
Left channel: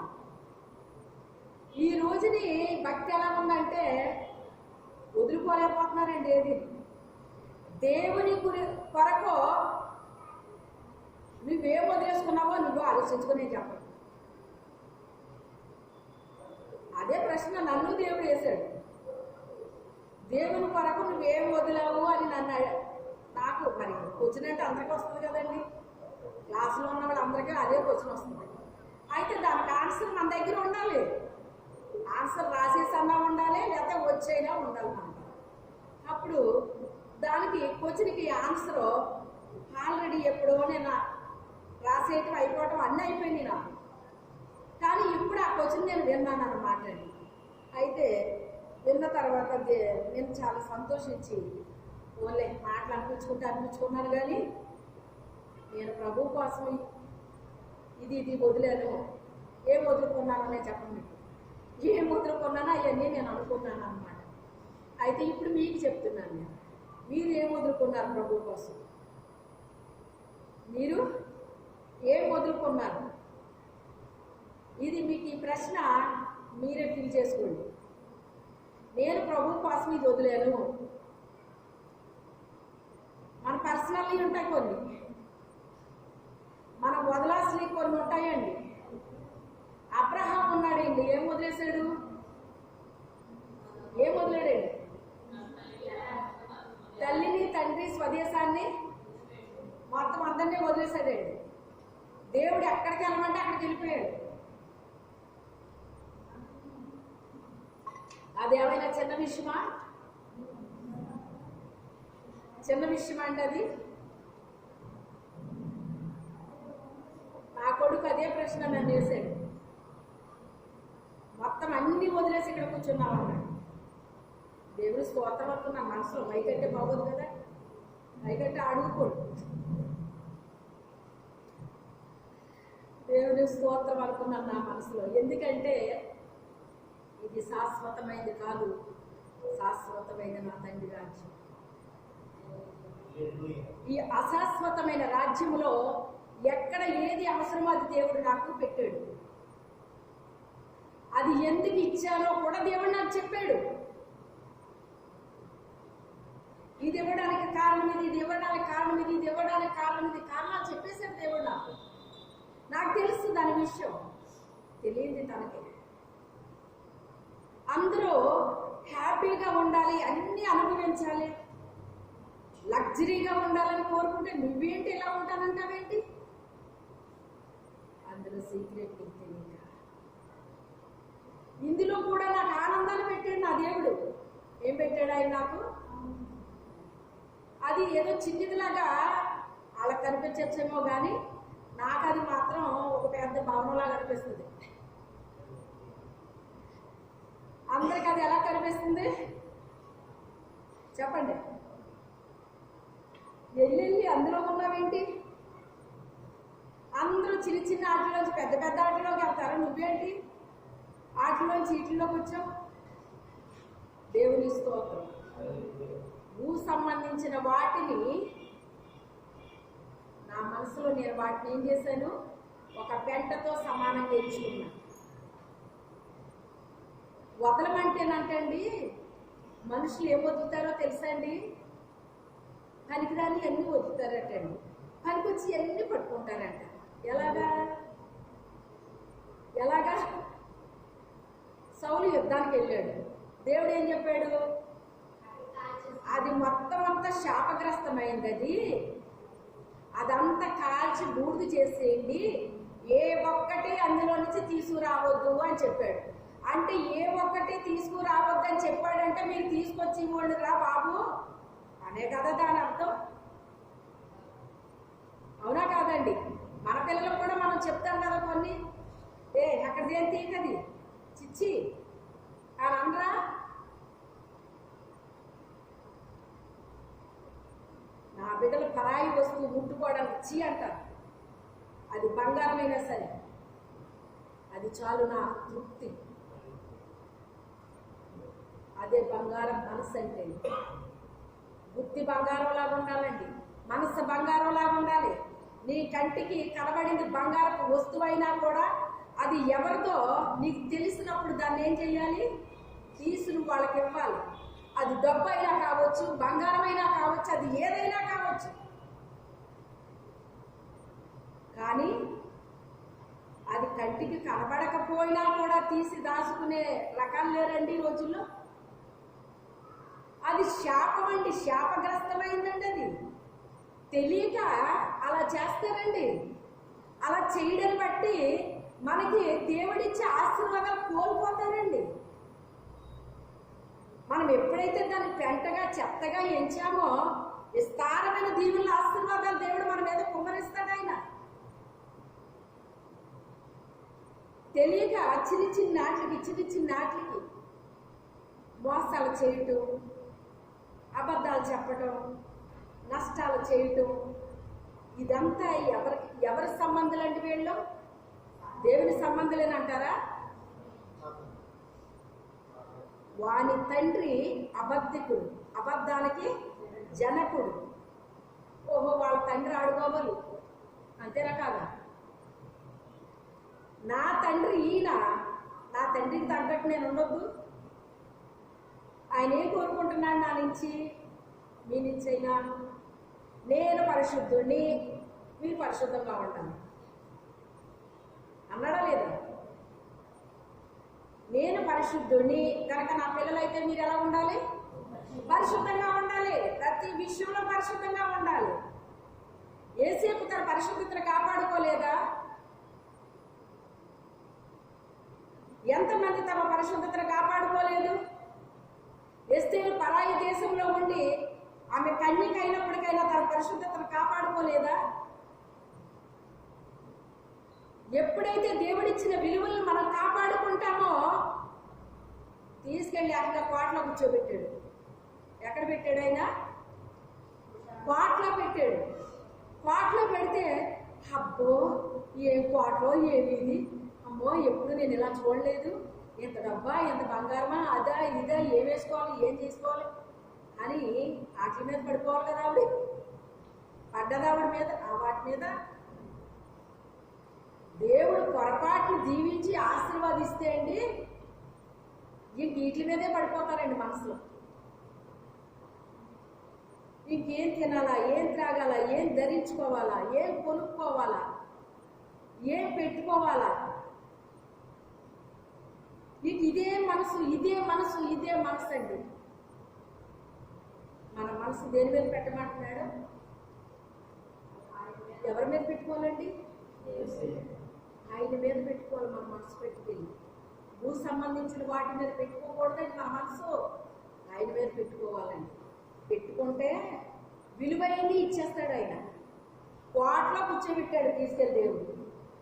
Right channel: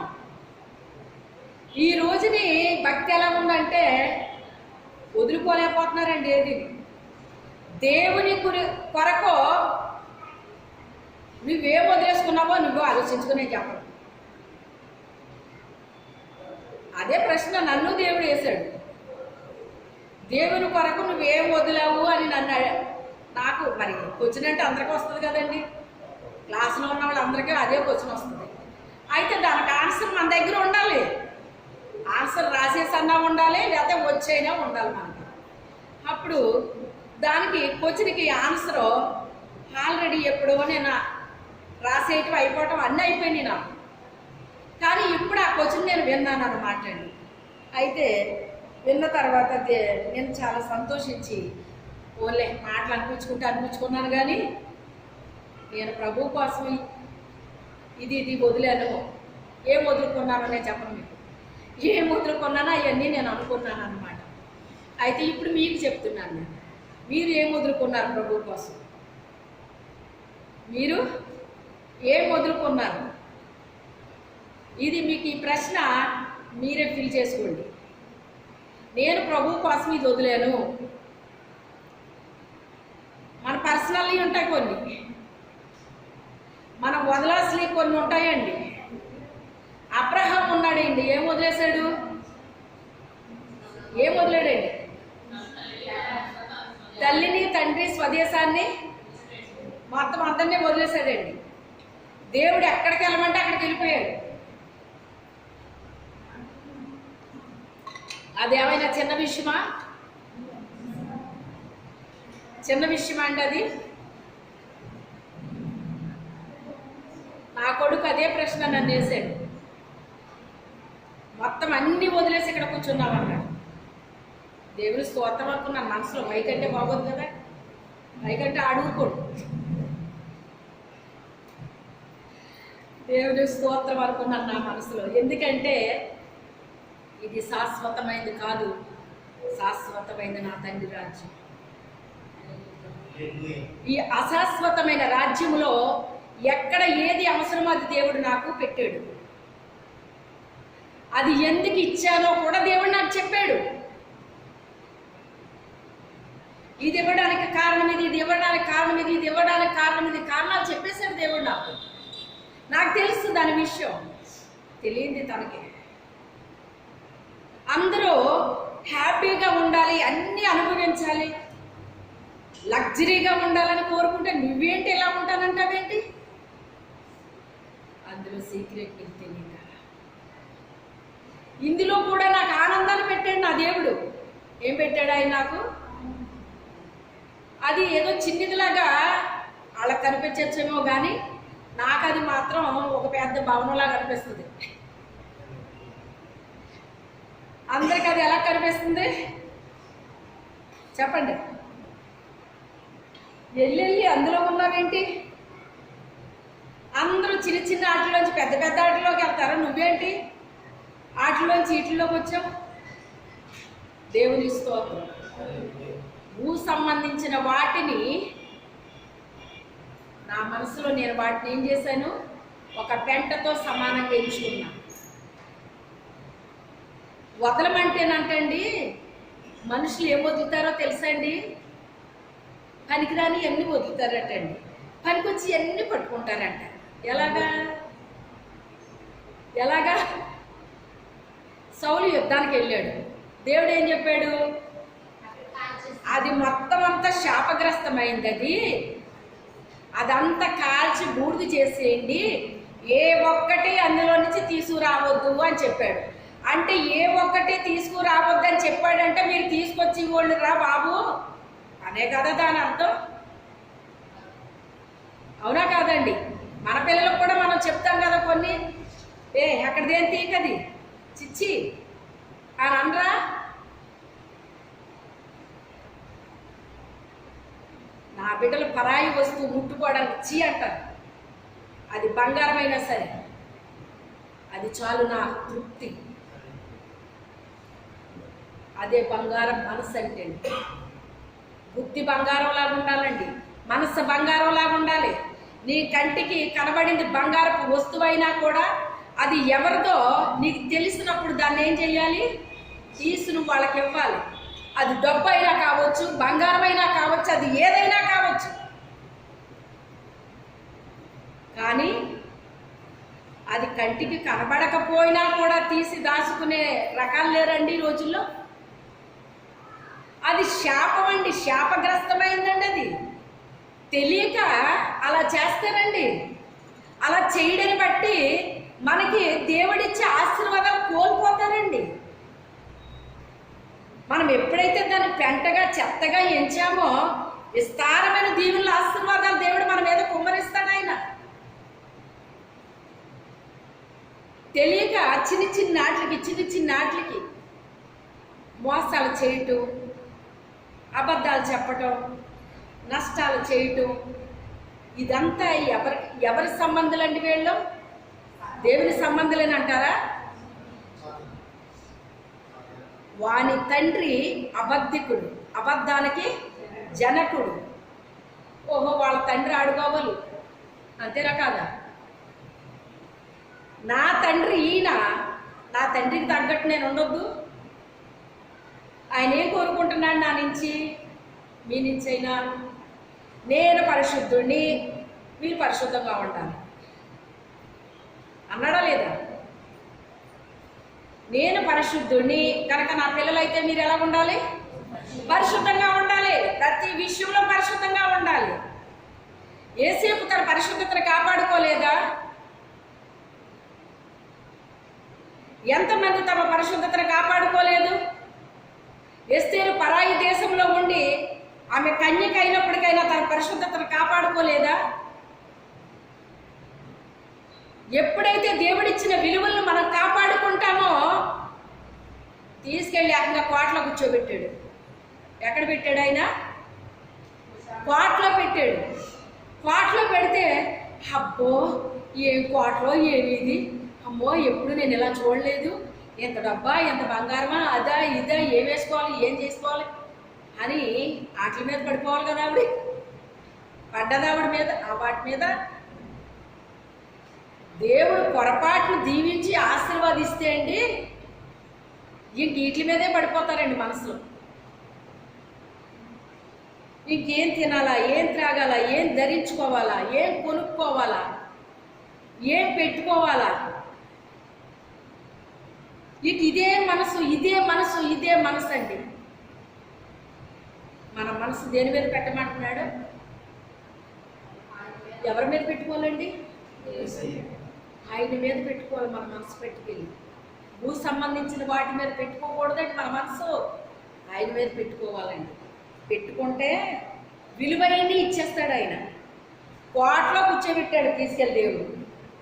ఈ రోజుని భక్తి ఎలా ఉందంటే వదులుకోలేకపోతున్నారండి. ఏది దేవుని కొరకు నువ్వేం వదిలేసుకున్నావో నువ్వు ఆలోచించుకునే చెప్పడు. అదే ప్రశ్న నన్ను దేవుడు వేశాడు. దేవుని కొరకు నువ్వేం వదిలావు అని నన్ను నాకు మరి క్వశ్చన్ అంటే అందరికీ వస్తుంది కదండి. క్లాసులో ఉన్న వాళ్ళందరికీ అదే క్వశ్చన్ వస్తుంది. అయితే దానికి ఆన్సర్ మన దగ్గర ఉండాలి. ఆన్సర్ రాసేసన్నా ఉండాలి, లేకపోతే వచ్చైనా ఉండాలి మనకి. అప్పుడు దానికి క్వశ్చన్కి ఆన్సరు ఆల్రెడీ ఎప్పుడో నేను రాసేయటం అయిపోవటం అన్నీ అయిపోయినాయి నాకు. కానీ ఇప్పుడు ఆ క్వశ్చన్ నేను విన్నాను అన్నమాట అండి. అయితే విన్న తర్వాత నేను చాలా సంతోషించి ఓన్లే మాటలు అనిపించుకున్నాను. కానీ నేను ప్రభు కోసం ఇది వదిలాను. ఏం వదులుకున్నానో నేను చెప్పను మీకు. ఏం వదులుకున్నానో అవన్నీ నేను అనుకున్నాను అన్నమాట. అయితే ఇప్పుడు మీకు చెప్తున్నాను నేను, మీరు ఏం వదులుకున్నారు ప్రభు కోసం? మీరు ఏం వదులుకున్నారు? ఇది మీకు ఈ ప్రశ్న మీరే ఫిల్ చేసుకోండి. నేను ప్రభు కోసం ఇది వదిలేను. మన పర్సనల్లీ ఉంటాయి కొన్ని, మనం వదలాల్సినవి కొన్ని ఉంటాయండి. అబ్రహాం ఉన్నాడండి, ఏం వదిలేశాడు? ఏం వదిలేడండి? తల్లిని, తండ్రి, స్వదేశాన్ని మొత్తం అందరినీ వదిలేశాడండి. దేవుడు ఎక్కడికి వెళ్ళమంటే అక్కడికి వెళ్ళిపోయాడు. అదేమైనా చిన్న విషయమా? చిన్న విషయమా అండి అది? నా కొడుకు అదే ప్రశ్న నన్ను వేసాడు. మొత్తం అన్ని వదిలేసి ఇక్కడ కూర్చున్నామన్నాడు. దేవుని స్తోత్రం అనుకున్న మనసులో, పైకంటే బాగోదు కదా, పైకంటే అడుగుకోడు. దేవుని స్తోత్రం అనుకున్నాను నా మనసులో. ఎందుకంటే ఇది శాశ్వతమైనది కాదు, శాశ్వతమైన నా తండ్రి రాజ్యం. ఈ అశాశ్వతమైన రాజ్యంలో ఎక్కడ ఏది అవసరమో అది దేవుడు నాకు పెట్టాడు. అది ఎందుకు ఇచ్చానో కూడా దేవుడు నాకు చెప్పాడు. ఇది ఇవ్వడానికి కారణం ఇది, ఇది ఇవ్వడానికి కారణం ఇది, ఇది ఇవ్వడానికి కారణం ఇది, కారణాలు చెప్పేశాడు దేవుడు నాకు. నాకు తెలుసు దాని విషయం, తెలియంది తనకి. అందరూ హ్యాపీగా ఉండాలి, అన్నీ అనుభవించాలి, లగ్జరీగా ఉండాలని కోరుకుంటే నువ్వేంటి ఎలా ఉంటానంటావేంటి? అందులో సీక్రెట్ తెలియదు. ఇందులో కూడా నాకు ఆనందాన్ని పెట్టాడు నా దేవుడు. ఏం పెట్టాడు ఆయన నాకు? అది ఏదో చిన్నదిలాగా వాళ్ళకి కనిపించచ్చేమో కానీ నాకు అది మాత్రం ఒక పెద్ద భవనంలాగా కనిపిస్తుంది. అందరికి అది ఎలా కనిపిస్తుంది చెప్పండి? వెళ్ళి అందులో ఉన్నావేంటి? అందరూ చిన్న చిన్న ఆటల్లోంచి పెద్ద పెద్ద ఆటల్లోకి వెళ్తారా? నువ్వేంటి ఆటల్లోంచి వీటిల్లోకి వచ్చావు? దేవుని స్తోత్రం. భూ సంబంధించిన వాటిని నా మనసులో నేను వాటిని ఏం చేశాను? ఒక పెంటతో సమానంగా ఎంచుకున్నా. వదలమంటేనంటండి మనుషులు ఏం వదులుతారో తెలుసా అండి? పనికిరాని ఎన్ని వదులుతారటండి, పనికొచ్చి ఎన్ని పట్టుకుంటారంట. ఎలాగా? సౌలు యుద్ధానికి వెళ్ళాడు. దేవుడు ఏం చెప్పాడు? అది మొత్తం అంతా శాపగ్రస్తమైంది, అదంతా కాల్చి బూడిద చేసేయండి, ఏ ఒక్కటి అందులో నుంచి తీసుకురావద్దు అని చెప్పాడు. అంటే ఏ ఒక్కటి తీసుకురావద్దు అని చెప్పాడంటే మీరు తీసుకొచ్చి వాళ్ళు రా బాబు అనే కదా దాని అర్థం. అవునా కాదండి? మన పిల్లలకు కూడా మనం చెప్తాం కదా కొన్ని, అక్కడిదేం తీకది చిచ్చి అని అనరా? నా బిడ్డలు పరాయి వస్తువు ముట్టుకోవడానికి చీ అంటారు. అది బంగారమైనా సరే అది చాలు నా తృప్తి. అదే బంగారం మనసు అంటే. బుద్ధి బంగారం లాగా ఉండాలండి, మనసు బంగారం లాగా ఉండాలి. నీ కంటికి కనబడింది బంగారపు వస్తువైనా కూడా అది ఎవరిదో నీకు తెలిసినప్పుడు దాన్ని ఏం చేయాలి? తీసి నువ్వు వాళ్ళకి ఇవ్వాలి. అది డబ్బు అయినా కావచ్చు, బంగారమైనా కావచ్చు, అది ఏదైనా కావచ్చు. కానీ అది కంటికి కనబడకపోయినా కూడా తీసి దాచుకునే రకాలు లేరండి ఈ రోజుల్లో. అది శాపం అండి, శాపగ్రస్తమైందండి. అది తెలియక అలా చేస్తారండి. అలా చేయడని బట్టి మనకి దేవుడిచ్చే ఆశీర్వాదాలు కోల్పోతారండి. మనం ఎప్పుడైతే దాన్ని పెంటగా చెత్తగా ఎంచామో విస్తారమైన దీవుల ఆశీర్వాదాలు దేవుడు మన మీద కుమ్మరిస్తాడు. ఆయన తెలియక చిన్న చిన్నాట్లకి మోసాలు చేయటం, అబద్ధాలు చెప్పటం, నష్టాలు చేయటం, ఇదంతా ఎవరి సంబంధాలండి? వీళ్ళు దేవుని సంబంధులని అంటారా? వాని తండ్రి అబద్ధికుడు, అబద్ధానికి జనకుడు. ఓహో, వాళ్ళ తండ్రి ఆడుకోవాలి అంతేనా కాదా? నా తండ్రి ఈయన, నా తండ్రికి తగ్గట్టు నేను ఉండొద్దు. ఆయన ఏం కోరుకుంటున్నాడు నా నుంచి? మీ నుంచి అయినా నేను పరిశుద్ధుడిని, మీరు పరిశుద్ధంగా ఉండాలి అన్నాడా లేదా? నేను పరిశుద్ధుడిని కనుక నా పిల్లలైతే మీరు ఎలా ఉండాలి? పరిశుద్ధంగా ఉండాలి. ప్రతి విషయంలో పరిశుద్ధంగా ఉండాలి. యేసేపు తన పరిశుద్ధతను కాపాడుకోలేదా? ఎంతమంది తమ పరిశుద్ధతను కాపాడుకోలేదు? ఎస్తేరు పరాయి దేశంలో ఉండి ఆమె కన్యక అయినప్పటికైనా తన పరిశుద్ధతను కాపాడుకోలేదా? ఎప్పుడైతే దేవుడిచ్చిన విలువలను మనం కాపాడుకుంటామో తీసుకెళ్ళి ఏకంగా కోటలో కూర్చోబెట్టాడు. ఎక్కడ పెట్టాడు? ఆయన కోటలో పెట్టాడు. కోటలో పెడితే అబ్బో ఏం కోటలో ఏమిది, అమ్మో ఎప్పుడు నేను ఇలా చూడలేదు, ఎంత డబ్బా, ఎంత బంగారమా, అదా ఇదా, ఏం వేసుకోవాలి, ఏం చేసుకోవాలి అని వాటి మీద పడిపోవాలి కదా. ఆవిడ పడ్డదావిడ మీద, ఆ వాటి మీద దేవుడు పొరపాటును దీవించి ఆశీర్వాదిస్తే అండి ఇంక వీటి మీదే పడిపోతారండి మనసులో. ఇంకేం తినాలా, ఏం త్రాగాలా, ఏం ధరించుకోవాలా, ఏం కొనుక్కోవాలా, ఏం పెట్టుకోవాలా, ఇక ఇదే మనసు, ఇదే మనసు, ఇదే మనసు అండి. మన మనసు దేని మీద పెట్టమంటున్నాడు? ఎవరి మీద పెట్టుకోవాలండి? ఆయన మీద పెట్టుకోవాలి. మన మనసు పెట్టుకెళ్ళి భూ సంబంధించిన వాటి మీద పెట్టుకోకూడదండి. మన మనసు ఆయన మీద పెట్టుకోవాలండి. పెట్టుకుంటే విలువైనవి ఇచ్చేస్తాడు ఆయన. కోటలో కూర్చోబెట్టాడు తీసుకెళ్ళి దేవుడు.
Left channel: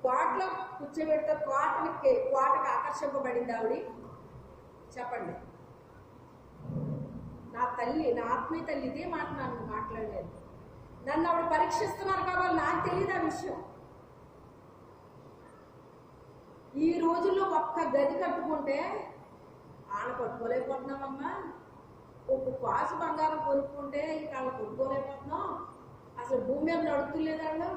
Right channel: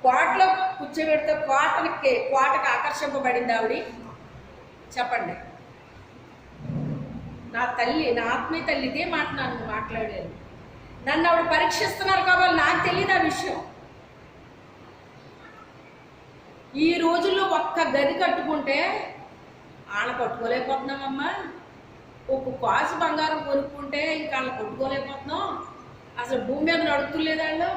కోటలో కూర్చోబెడితే కోటకు ఆకర్షింపబడింది ఆవిడ. చెప్పండి. నా తల్లి, నా ఆత్మీయ తల్లి ఇదే మాట నన్ను మాట్లాడారు. నన్ను ఆవిడ పరీక్షిస్తున్నారు కాబట్టి నాకు తెలియదు ఆ విషయం. ఈ రోజుల్లో ఒక్క గది కట్టుకుంటే వాళ్ళ కొట్టుకోలేకపోతున్నామమ్మా. ఒక కాసు బంగారం కొనుక్కుంటే ఇంకా వాళ్ళు కొట్టుకోలేకపోతున్నాం. అసలు భూమి మీద నడుతులేదు వాళ్ళు.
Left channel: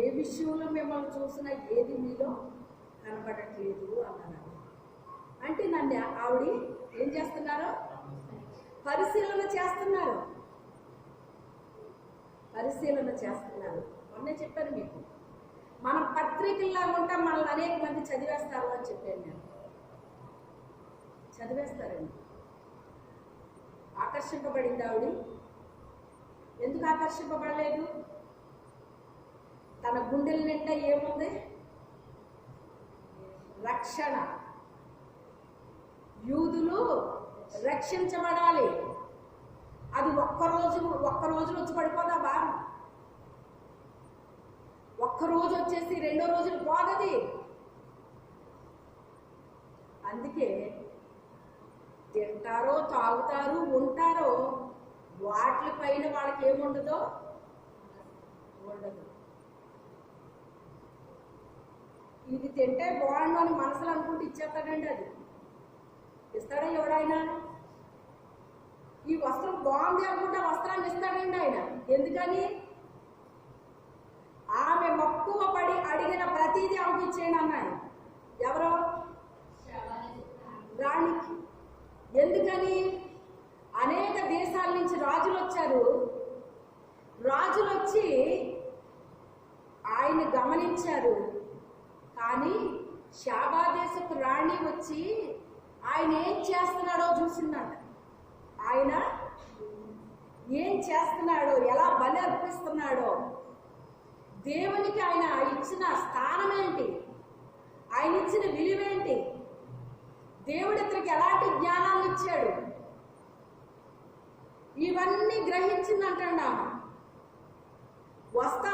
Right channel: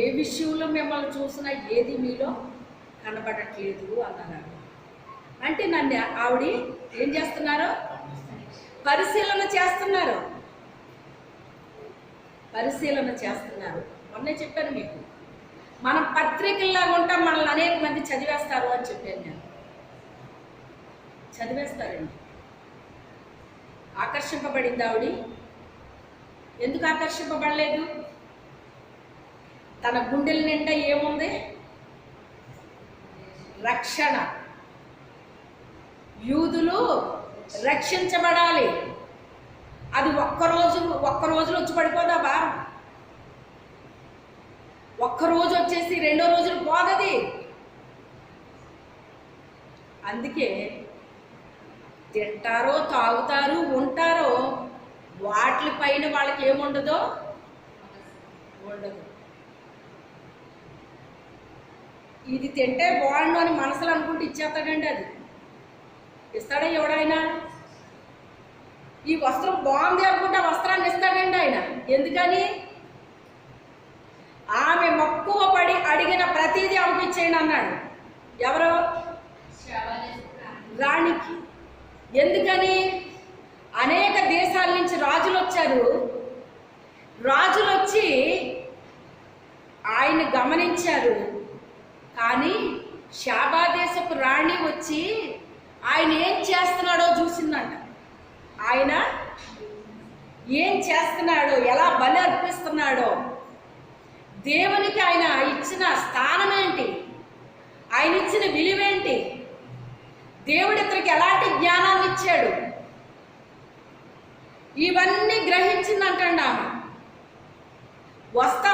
ఏ విషయంలో మిమ్మల్ని చూసినా ఏది మీలో కనబడట్లేదు అన్నారు. అంటే నన్ను ఆవిడ ఏం చేస్తున్నారు? పరిశీలన చేస్తున్నారు. పరిశీలన చేస్తున్నారు. మొన్నే చెప్పాను మీకు, మనం పత్రికల్లాగా ఉంటాం, మనల్ని అనేక మంది చదివేస్తారు అని చెప్పాను నేను. చదివేస్తారండి. ఆకర్షింపబడింది ఆవిడ. ఎందుకు ఆకర్షింపబడలేదు? తన గుండెల నిండా ఏముంది? రక్షణ. యూదులు రక్షించబడాలి. అది ఒక్క రోజులో వచ్చి పడిపోదా భారం? ఒక్కరోజు వచ్చేసి రెండో రోజులు పోదది. అందుకే తింటారో తాగుతారు ఉంటారో వాటిపైన వాళ్ళకి ఏముండదో ఉండదు. ఇది తింటే బాగుండు అని మనసులో అనుకుంటే ఇచ్చేస్తాడండి. అది ఇస్తాడా ఎవడైనా? ఈ వస్త్రం బాగుంది అనుకుంటే వస్త్రాన్ని ఇస్తాడండి ఆయన. ఎందుకని? ఆమె మక్కువ పడి అడిగిన ప్రతిదీ ఆమెకి ఇచ్చేయండి అన్నాడు. ఎవరో? రాణికి. ఎందుకని? అనేక దేశాల నుంచి రాజులు వచ్చారు. రాజులు వచ్చి ఆయన గమనించారు. కానీ షాబా దేశపు రాణి వచ్చి ఆయన ఏం చేస్తున్నాడో చూసిందంట. ఆయన ఏం చేస్తున్నాడో, ఎలా బలి అర్పిస్తున్నాడో, దేవునికి ఆయన ఇచ్చిన స్థానం ఏంటి, ఆయన ఇచ్చిన విలువేంటి, దేవుడు ఇతనికి ఎలాంటి జ్ఞానాన్ని ఇచ్చాడు, ఇవన్నీ గ్రహించిందంటండి ఆమె. వస్తా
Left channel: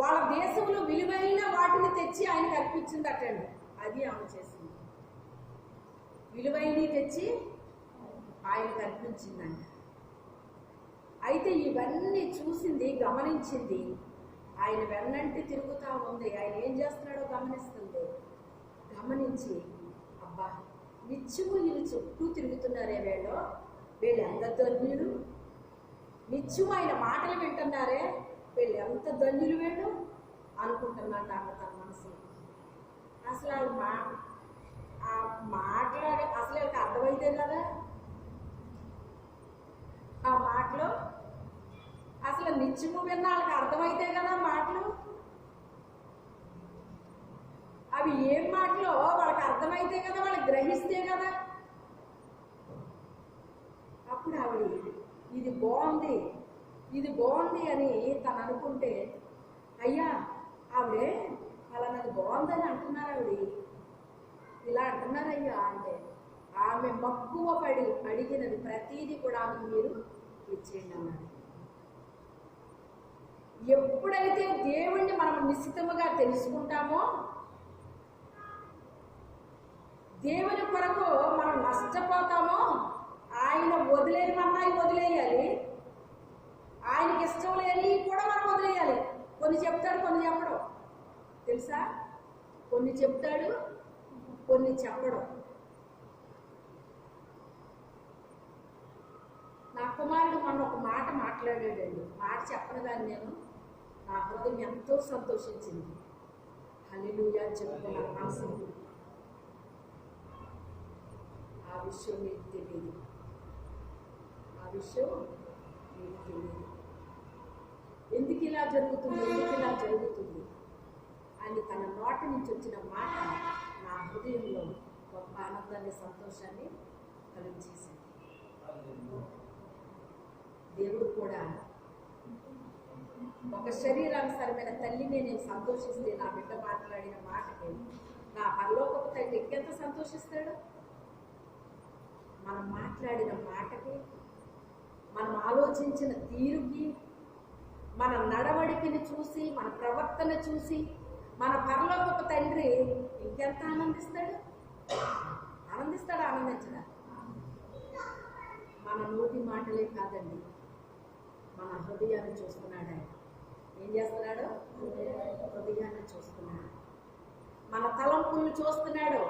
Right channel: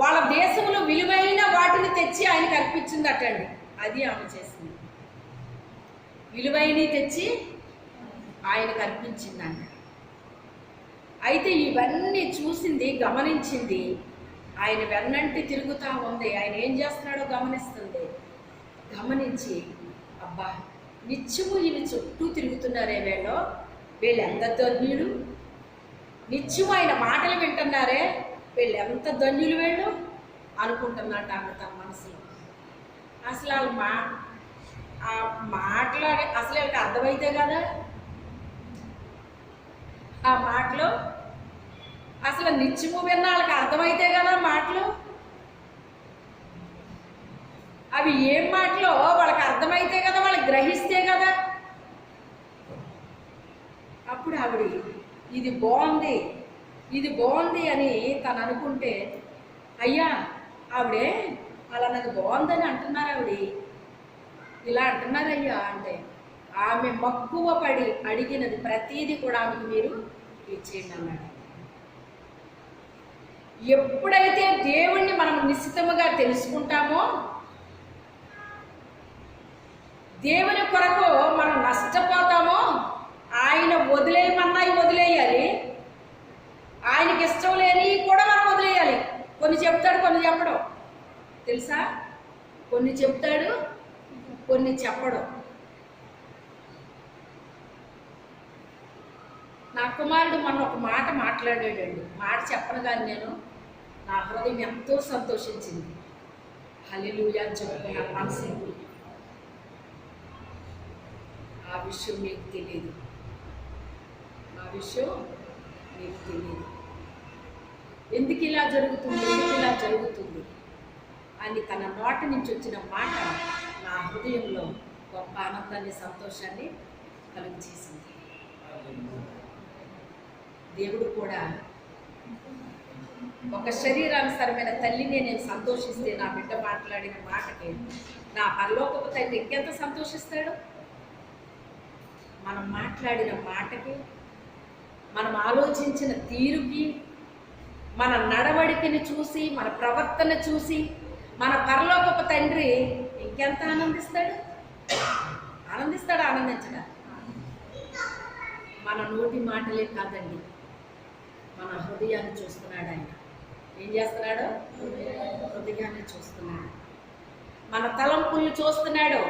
వాళ్ళ దేశంలో విలువైన వాటిని తెచ్చి ఆయనకు అర్పించిందటండి. అది ఆమె చేసింది. విలువైనవి తెచ్చి ఆయనకు అర్పించిందంట. అయితే ఇవన్నీ చూసింది, గమనించింది. ఆయన వెన్నంటి తిరుగుతూ ఉంది. ఆయన ఏం చేస్తున్నాడో గమనిస్తుంది. గమనించి అబ్బా నిత్యము వీళ్ళు చుట్టూ తిరుగుతున్నారే, వీళ్ళు ఎంత ధన్యులు, నిత్యము ఆయన మాటలు వింటున్నారే, వీళ్ళు ఎంత ధన్యులు వీళ్ళు అనుకుంటున్నాడు ఆమె తన మనసులో. అసలు వాళ్ళు మాట్లాడే అసలు వీళ్ళకి అర్థమైతే కదా ఆ మాటలు, అసలు నిత్యము విన్న వాళ్ళకి అర్థమైతే కదా మాటలు. అవి ఏం మాటలో వాళ్ళకి అర్థమైతే కదా, వాళ్ళకి గ్రహిస్తే కదా. అప్పుడు ఆవిడ ఇది బాగుంది అని తను అనుకుంటే, అయ్యా ఆవిడే అలా నాకు బాగుందని అంటున్నారు, ఆవిడ ఇలా అంటున్నారయ్యా అంటే, ఆమె మక్కువ పడి అడిగినది ప్రతీది కూడా ఆమెకు మీరు ఇచ్చేయండి అన్నాడు. ఎప్పుడైతే దేవుణ్ణి మనం నిశ్చితముగా తెలుసుకుంటామో, దేవుని కొరకు మనం నష్టపోతామో, ఆయన వదిలేయమన్నాయి వదిలేయాలి, ఆయనకి ఇష్టం లేని కూడా మనం వదిలేయాలి. కొన్ని చెప్తాడు, కొన్ని చెప్పడం తెలుసా? కొన్ని చెప్తాడు, కొన్ని చెప్పడం. నా కుమారుడు మొన్న ఒక మాట మాట్లాడాడండి. మాట చెప్పను కానీ నా హృదయం ఎంతో సంతోషించింది. హల్లెలూయా చెప్పుకున్న మనసు. ఆ విషయం మీకు తెలియదు, ఎందుకు ఇలా జరుగుతుంది అని తన నోట నుంచి వచ్చిన మాట నా హృదయంలో గొప్ప ఆనందాన్ని, సంతోషాన్ని కలిగించేసింది. దేవుడు కూడా ఒక శరీరానుసారమైన తల్లిని నేను సంతోషిస్తే, నా బిడ్డ మాట్లాడిన మాటకి నా పరలోకపు తండ్రి ఇంకెంత సంతోషిస్తాడు? మనం మాట్లాడిన మాటకి, మనం ఆలోచించిన తీరుకి, మన నడవడికని చూసి, మన ప్రవర్తన చూసి మన పరలోకపు తండ్రి ఇంకెంత ఆనందిస్తాడు? ఆనందించడా? మన నోటి మాటలే కాదండి, మన హృదయాన్ని చూస్తున్నాడు ఆయన. ఏం చేస్తున్నాడు? హృదయాన్ని చూస్తున్నాడు. మన తలంపుల్ని చూస్తున్నాడు.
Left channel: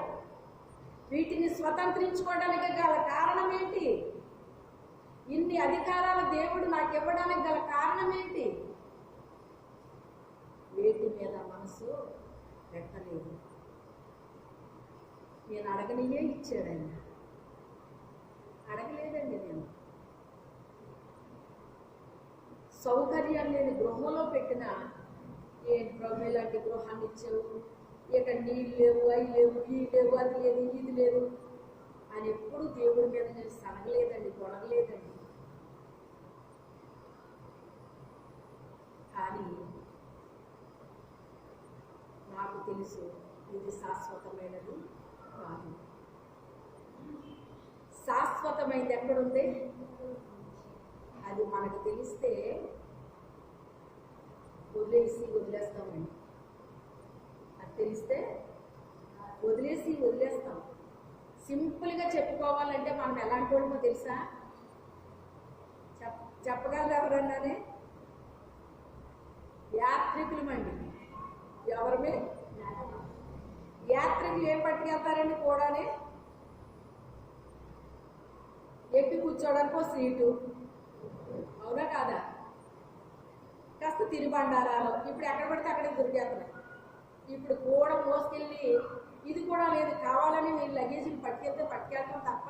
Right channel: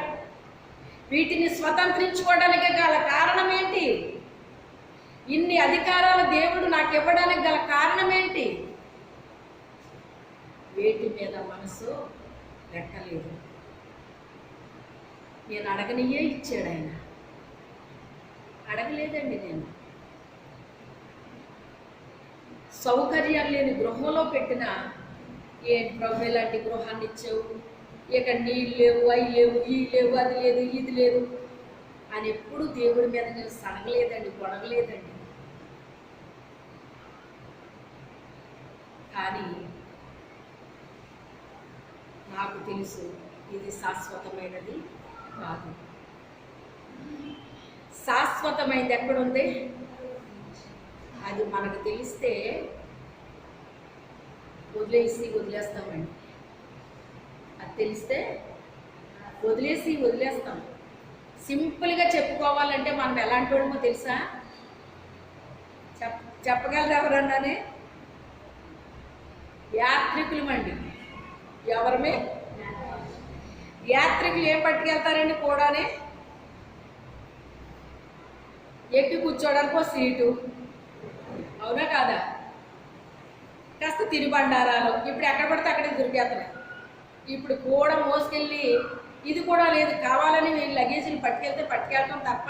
వీటిని స్వతంత్రించుకోవడానికి గల కారణం ఏంటి? ఇన్ని అధికారాలు దేవుడు నాకు ఇవ్వడానికి గల కారణం ఏంటి? వేటి మీద మనసు పెట్టలేదు. నేను అడగనియే ఇచ్చాడు ఆయన. అడగలేదండి నేను. సౌకర్యం లేని గృహంలో పెట్టిన, ఏం ప్రభు ఇలాంటి గృహాన్ని ఇచ్చావు, ఇక నీళ్ళు లేవు, అవి లేవు, ఈ లేవు, అది లేదు, ఇది లేదు అని ఎప్పుడు దేవుడి మీద నేను సనగలేదండి, గొడవలేదండి. కానీ నాకు తెలుసు ఇది శాశ్వతమైనది కాదు. శాశ్వతమైనది ఎక్కడుంది? అది మనకు తెలిస్తే వదిలేస్తామండి. అది తెలిస్తే వదిలేస్తాం. సింపుల్గా చెప్పుకోవాలంటే మనం ఎలాంటి వాళ్ళమో తెలుసా? చెప్పగలరు ఎవరన్నానే? యాత్రికులమండి. ఎవరమే? యాత్రికులు ఏం పట్టుకెళ్తారండి కూడానే? ఎక్కి కూర్చోడానికి ఒక సీటు, అవునా కాదా? కాస్త తినుబండారాలు ఇప్పుడు ఎక్కడ పడితే అక్కడికి దొరికేస్తున్నాయి. ఇప్పుడు కూడా మోసుకెళ్ళి ఇది కూడా లేదు, కావాలని వీళ్ళు లగేజీలు పట్టుకెళ్తాం తప్ప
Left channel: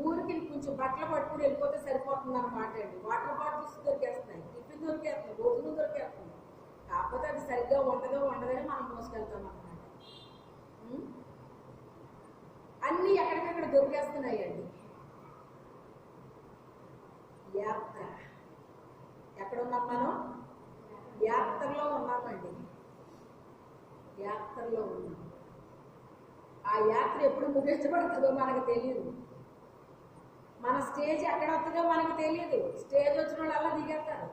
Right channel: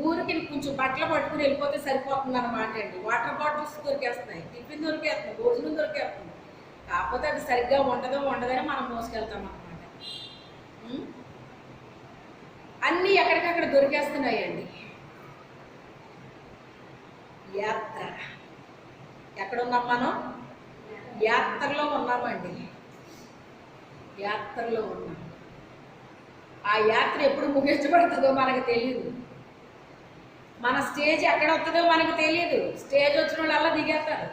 ఊరికి కొంచెం బట్టలు పట్టుకుని వెళ్ళిపోతే సరిపోతుంది అన్నమాట అండి. వాటర్ బాటిల్స్ దొరికేస్తున్నాయి, టిఫిన్ దొరికేస్తుంది, భోజనం దొరికేస్తుంది. కాకపోతే అది సరిగ్గా ఉండదని మనం మోసుకెళ్తాం అన్నమాట. అన్నీ ఎక్కడికక్కడ దొరికేస్తున్నాయండి. యాత్ర ఎక్కడున్నాం మనం? యాత్రలో ఉన్నామండి. యాత్రలో ఉన్నాం. ఆ యాత్ర ఎప్పుడు ముగించబడుతుందో మనకు తెలియదు. మన స్టేజ్ ఎక్కడ వస్తుందో మనకు తెలియదు. స్టేజ్ వచ్చిన వాళ్ళు అలా దిగేస్తారు.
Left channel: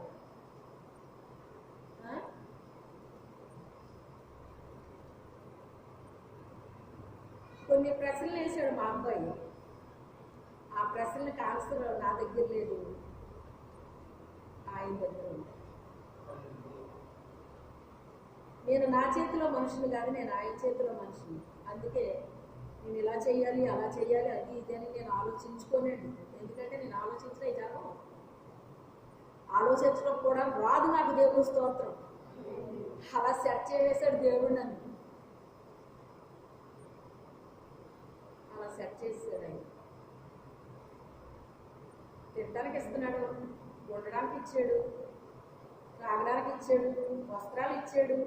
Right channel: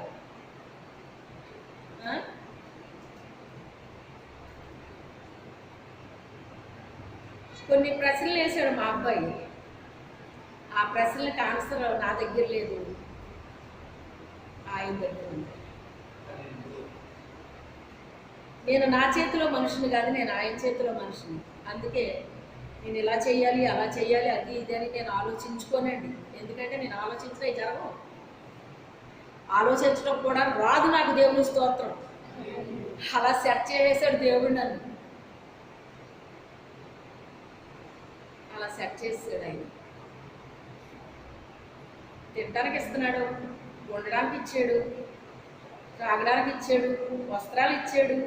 కొన్ని ప్రశ్నలు వేసాడు మా అబ్బాయి. ఆ ప్రశ్నలకు ఆన్సర్ నా దగ్గర లేదు, ఆయన దగ్గర ఉంది. నేను నా చేతిలో మనిషిని కాదు, నేను ఆయన చేతిలో మనిషిని. అందుకే నేను ఇలా చెయ్యాలి, అలా చెయ్యాలి, అది ఇది అని నేను ఆలోచించుకోనండి. ఎందుకంటే నేను ఆలోచించడం జరగవు. ఆలోచించడం కూడా రాదు నాకు. దేవుని స్తోత్రం. అలా సెట్ చేసేసాడు దేవుడు నన్ను. అలా సెట్ చేసాడు ఆయన. తినడానికి ఇస్తున్నాడు, ఉండడానికి ఇచ్చాడు, తాగడానికి ఇచ్చాడు, వస్త్రాలు ఇచ్చాడు.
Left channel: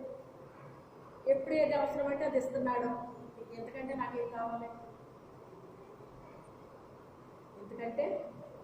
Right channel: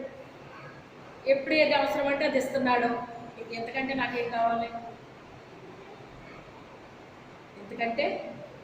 ఎప్పుడు ఏది అవసరం అంటే అది ఇస్తున్నాడు. ఎందుకంటే నాకేం కావాలి? ఎందుకంటే